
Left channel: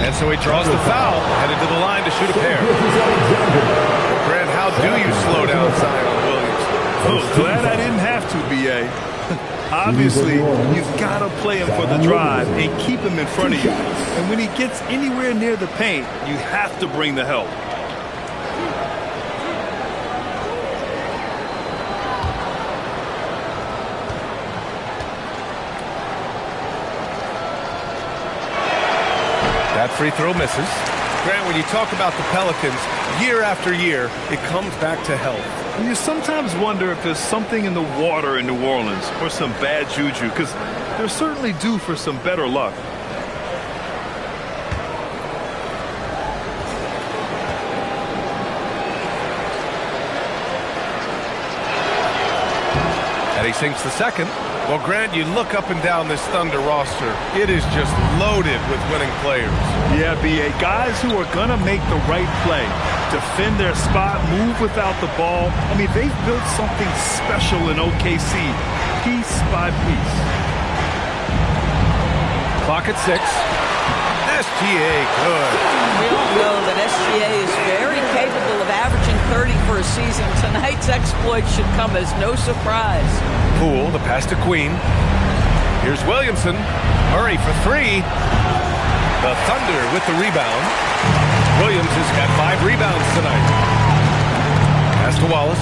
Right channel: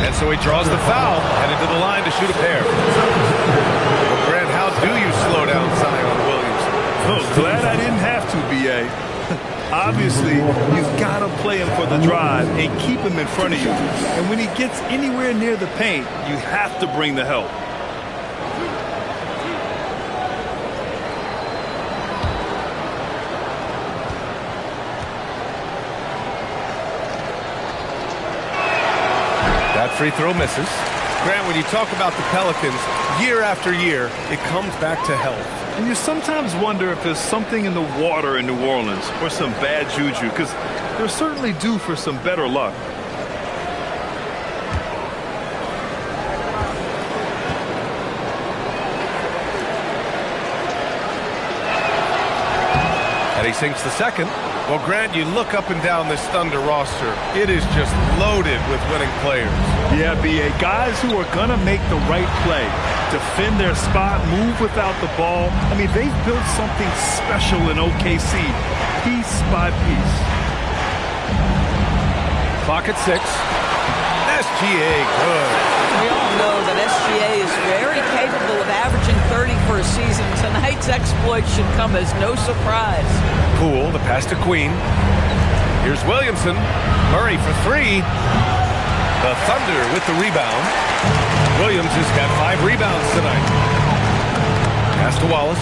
And so he draws the foul. Headed to the line to shoot a pair. Well, Grant, how do you slow down Zion Williamson? Oh, glad I didn't have to, B.A. Obviously, you've got to play him for the drive and keep him in front of you. And when he gets anywhere near the paint, you have to bring the help. That free throw misses. Grant, when you talk about the Pelicans, year after year, it comes back to health. And you sometimes wonder if there's something in the water in New Orleans or some bad juju, because they're certainly due for some better luck. And he sinks the second. Well, Grant, you look up and down this Thunder roster, it is just loaded with winning players. Yeah, B.A. Guys who are going to make the right play, defend their spot, move without the ball. I mean, they've built something special in OKC, piece by piece. Clock at 6. SGA, good. We all know that SGA is very capable of averaging 30 for a season. Tonight's exploit should come as no surprise. Poole, the pass to Queen. Here's Williamson. Murray for 3. The Thunder with the rebound. Williams has got 5 rebounds tonight. Pass to Wallace.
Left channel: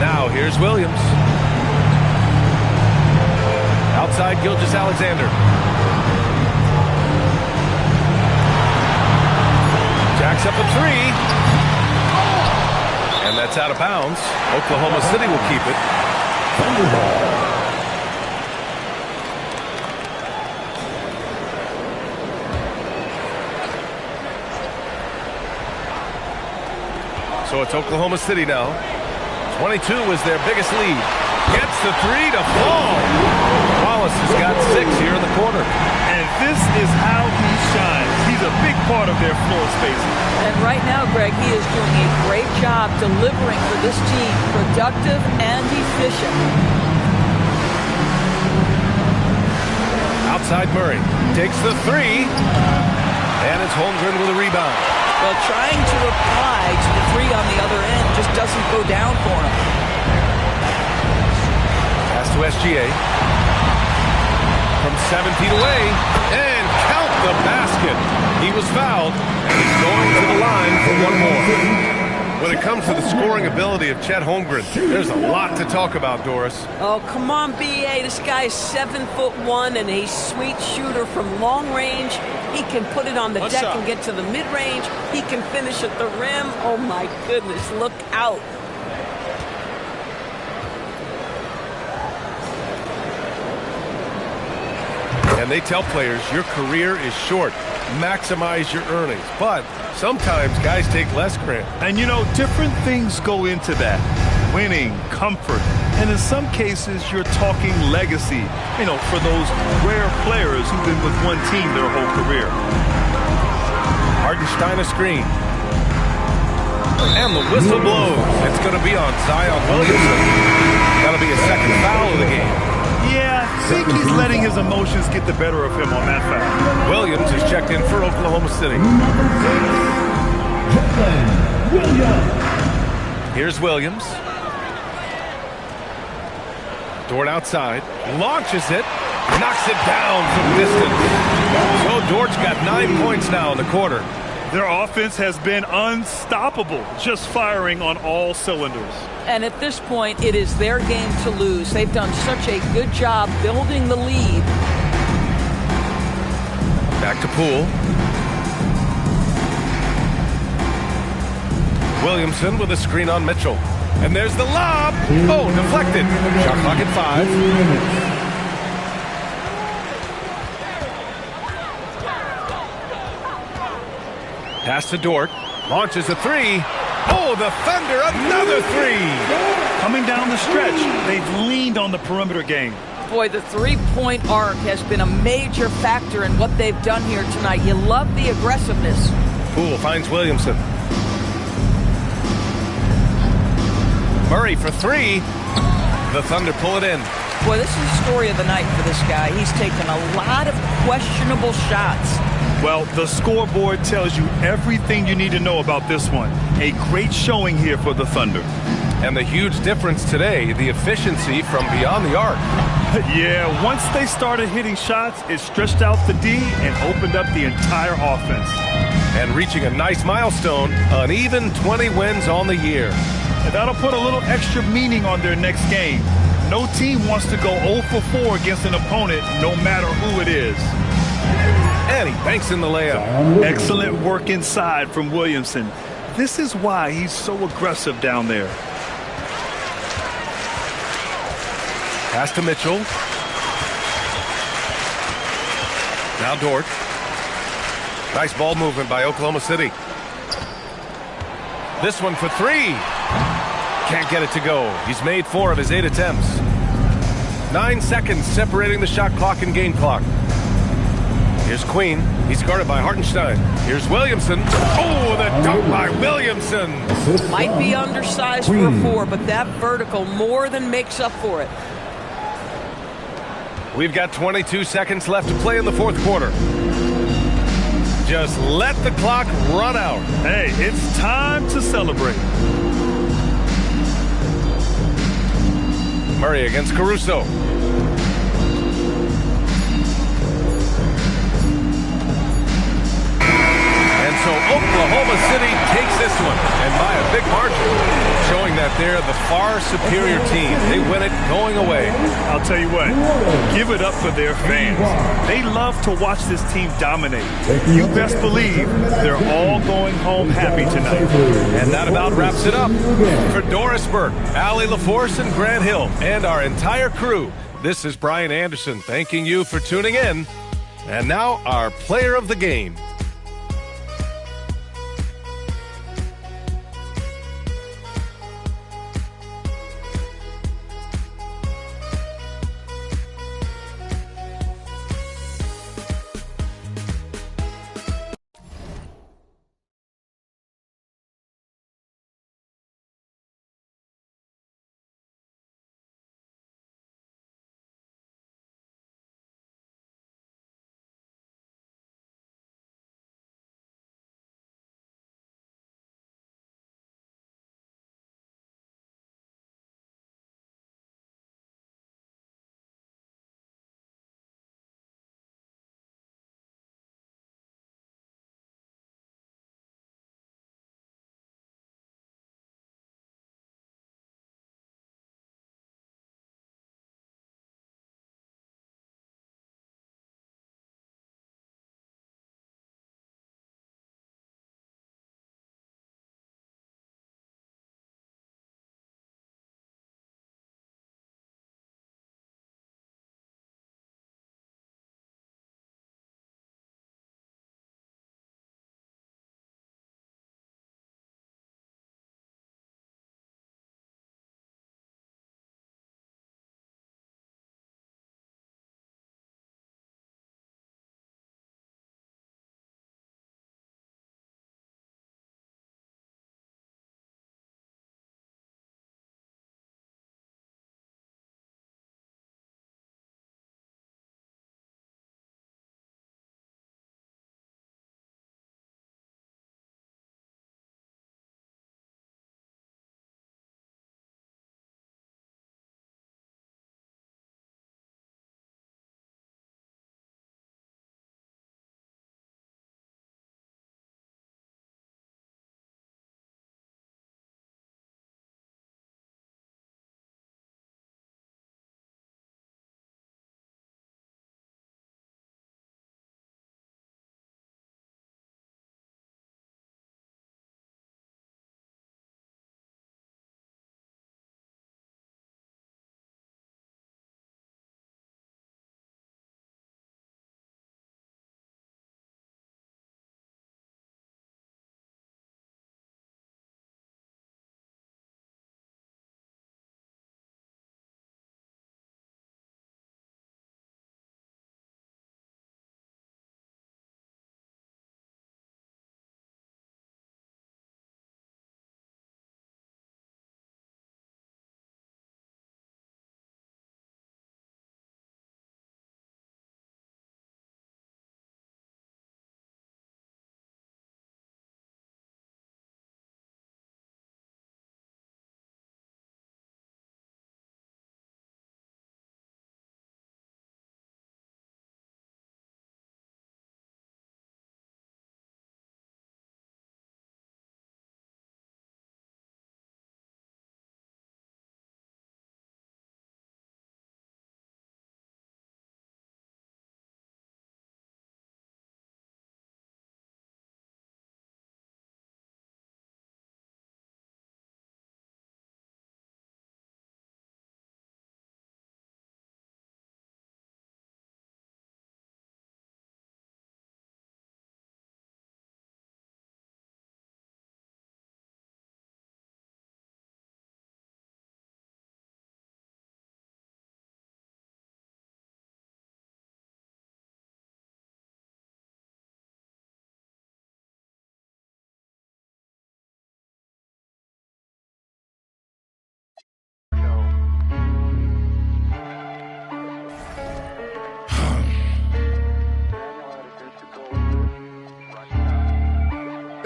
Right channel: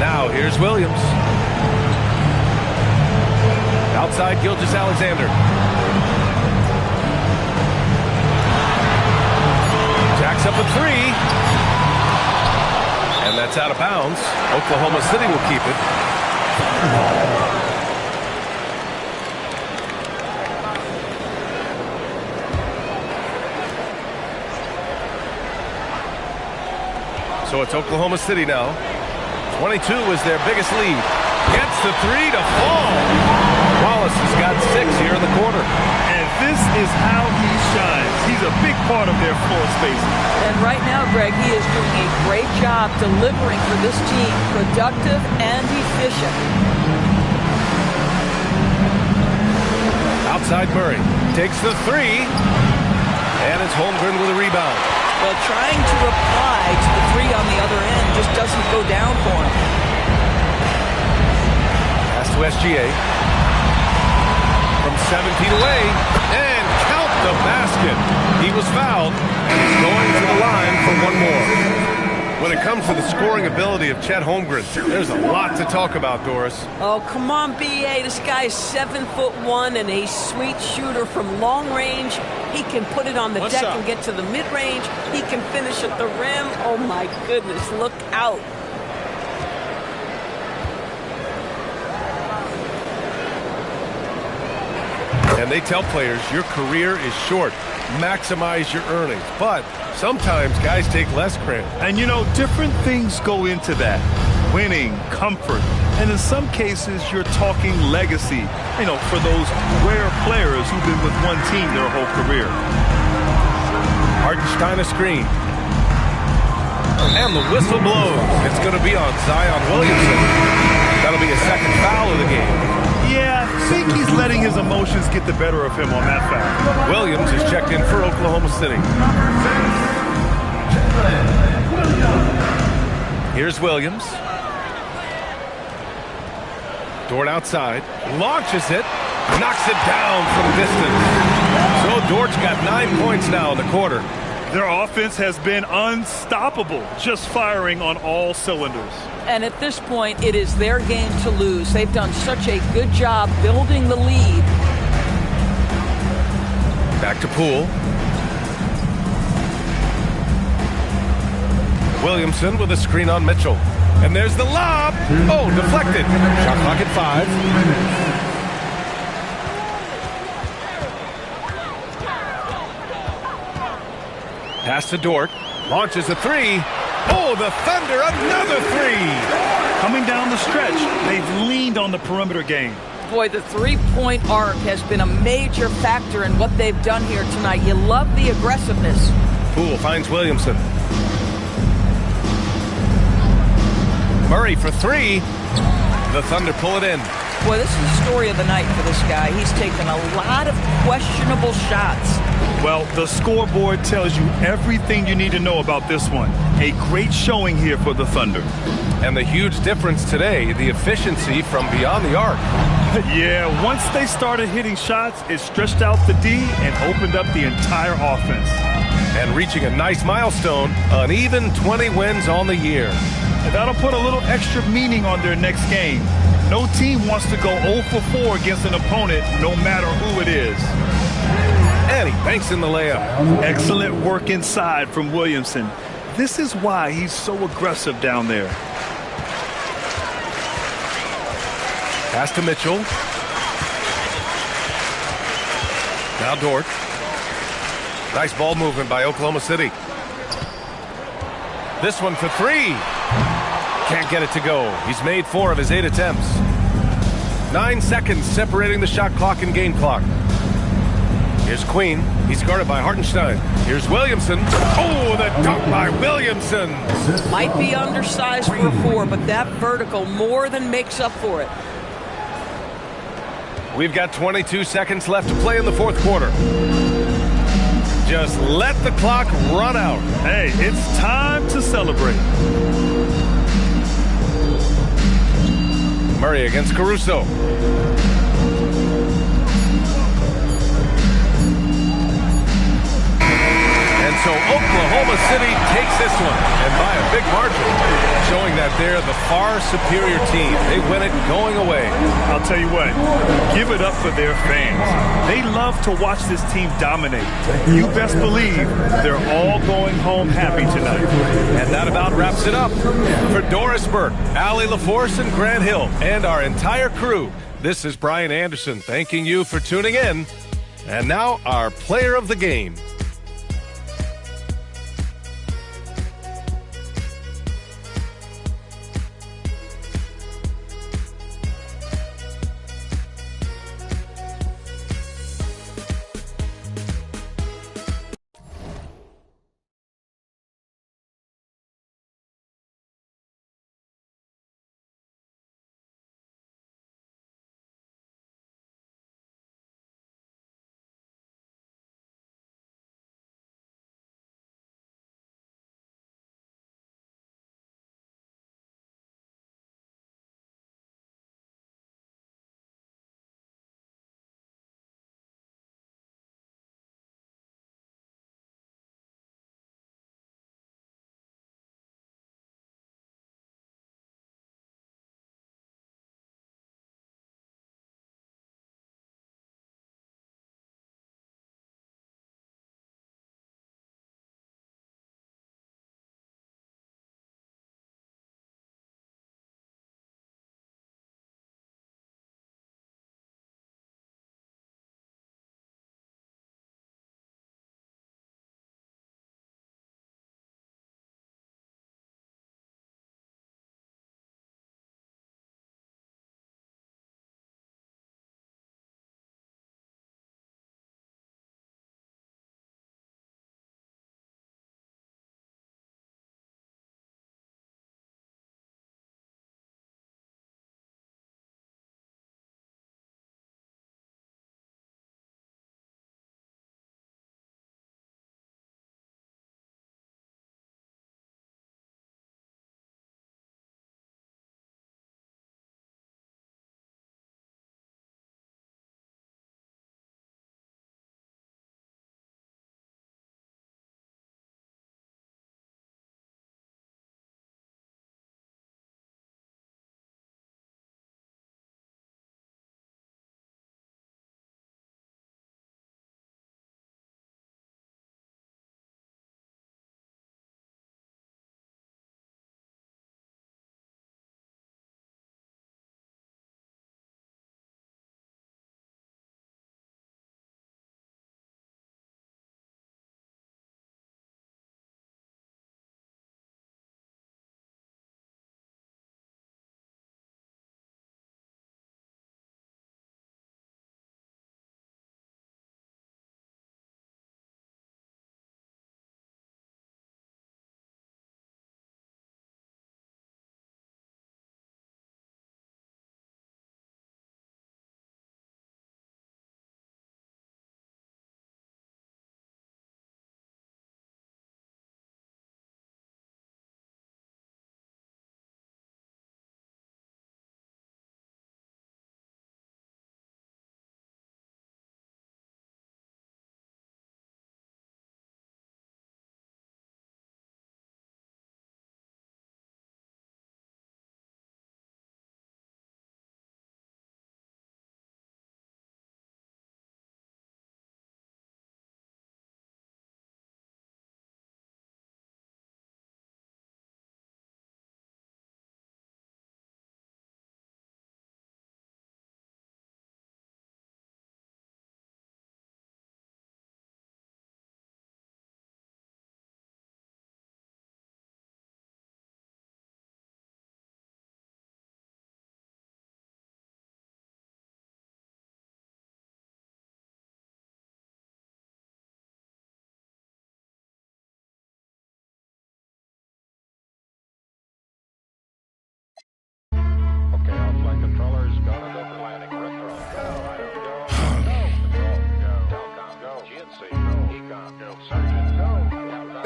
Now here's Williams. Outside Gilgeous-Alexander. Jacks up a 3. And that's out of bounds. Oklahoma City will keep it. So it's Oklahoma City now. 22 is their biggest lead. Gets the 3 to fall. Wallace has got 6 here in the quarter. And this is how he shines. He's a big part of their floor spacing. And right now, Greg, he is doing a great job delivering for this team. Productive and efficient. Outside Murray. Takes the 3. And it's Holmgren with a rebound. Well, trying to reply to the 3 on the other end just doesn't go down for him. Pass to SGA. From 7 feet away. And count the basket. He was fouled, and he's going to the line for one more. When it comes to the scoring ability of Chet Holmgren, there's a lot to talk about, Doris. Oh, come on, B.A. This guy is 7'1" and a sweet shooter from long range. He can put it on the deck and get to the mid-range. He can finish at the rim. Oh, my goodness, look out. And they tell players your career is short. Maximize your earnings. But sometimes guys take less, Grant. And you know, different things go into that. Winning, comfort, and in some cases, you're talking legacy, you know, for those rare players who've been with one team their whole career. Hartenstein a screen. And the whistle blows. It's going to be on Zion Williamson. That'll be a second foul of the game. Yeah, I think he's letting his emotions get the better of him on that foul. Williams is checked in for Oklahoma City. Here's Williams. Dort outside. Launches it. Knocks it down from distance. So Dort's got 9 points now in the quarter. Their offense has been unstoppable, just firing on all cylinders. And at this point, it is their game to lose. They've done such a good job building the lead. Back to Poole. Williamson with a screen on Mitchell. And there's the lob. Oh, deflected. Shot clock at 5. Pass to Dort. Launches a 3. Oh, the Thunder, another 3. Coming down the stretch, they've leaned on the perimeter game. Boy, the three-point arc has been a major factor in what they've done here tonight. You love the aggressiveness. Poole finds Williamson. Murray for 3. The Thunder pull it in. Boy, this is the story of the night for this guy. He's taken a lot of questionable shots. Well, the scoreboard tells you everything you need to know about this one. A great showing here for the Thunder. And the huge difference today, the efficiency from beyond the arc. Yeah, once they started hitting shots, it stretched out the D and opened up the entire offense. And reaching a nice milestone, an even 20 wins on the year. And that'll put a little extra meaning on their next game. No team wants to go 0 for 4 against an opponent, no matter who it is. And he banks in the layup. Excellent work inside from Williamson. This is why he's so aggressive down there. Pass to Mitchell. Now Dort. Nice ball movement by Oklahoma City. This one for 3. Can't get it to go. He's made 4 of his 8 attempts. 9 seconds separating the shot clock and game clock. Here's Queen. He's guarded by Hartenstein. Here's Williamson. Oh, the dunk by Williamson. Might be undersized for a 4, but that vertical more than makes up for it. We've got 22 seconds left to play in the fourth quarter. Just let the clock run out. Hey, it's time to celebrate. Murray against Caruso. And so Oklahoma City takes this one, and by a big margin, showing that they're the far superior team. They win it going away. I'll tell you what, give it up for their fans. They love to watch this team dominate. You best believe they're all going home happy tonight. And that about wraps it up. For Doris Burke, Allie LaForce, and Grant Hill, and our entire crew, this is Brian Anderson thanking you for tuning in. And now our player of the game.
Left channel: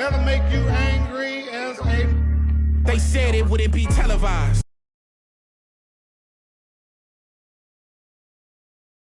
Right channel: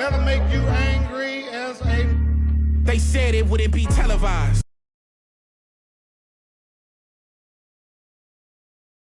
That'll make you angry as a... They said it wouldn't be televised.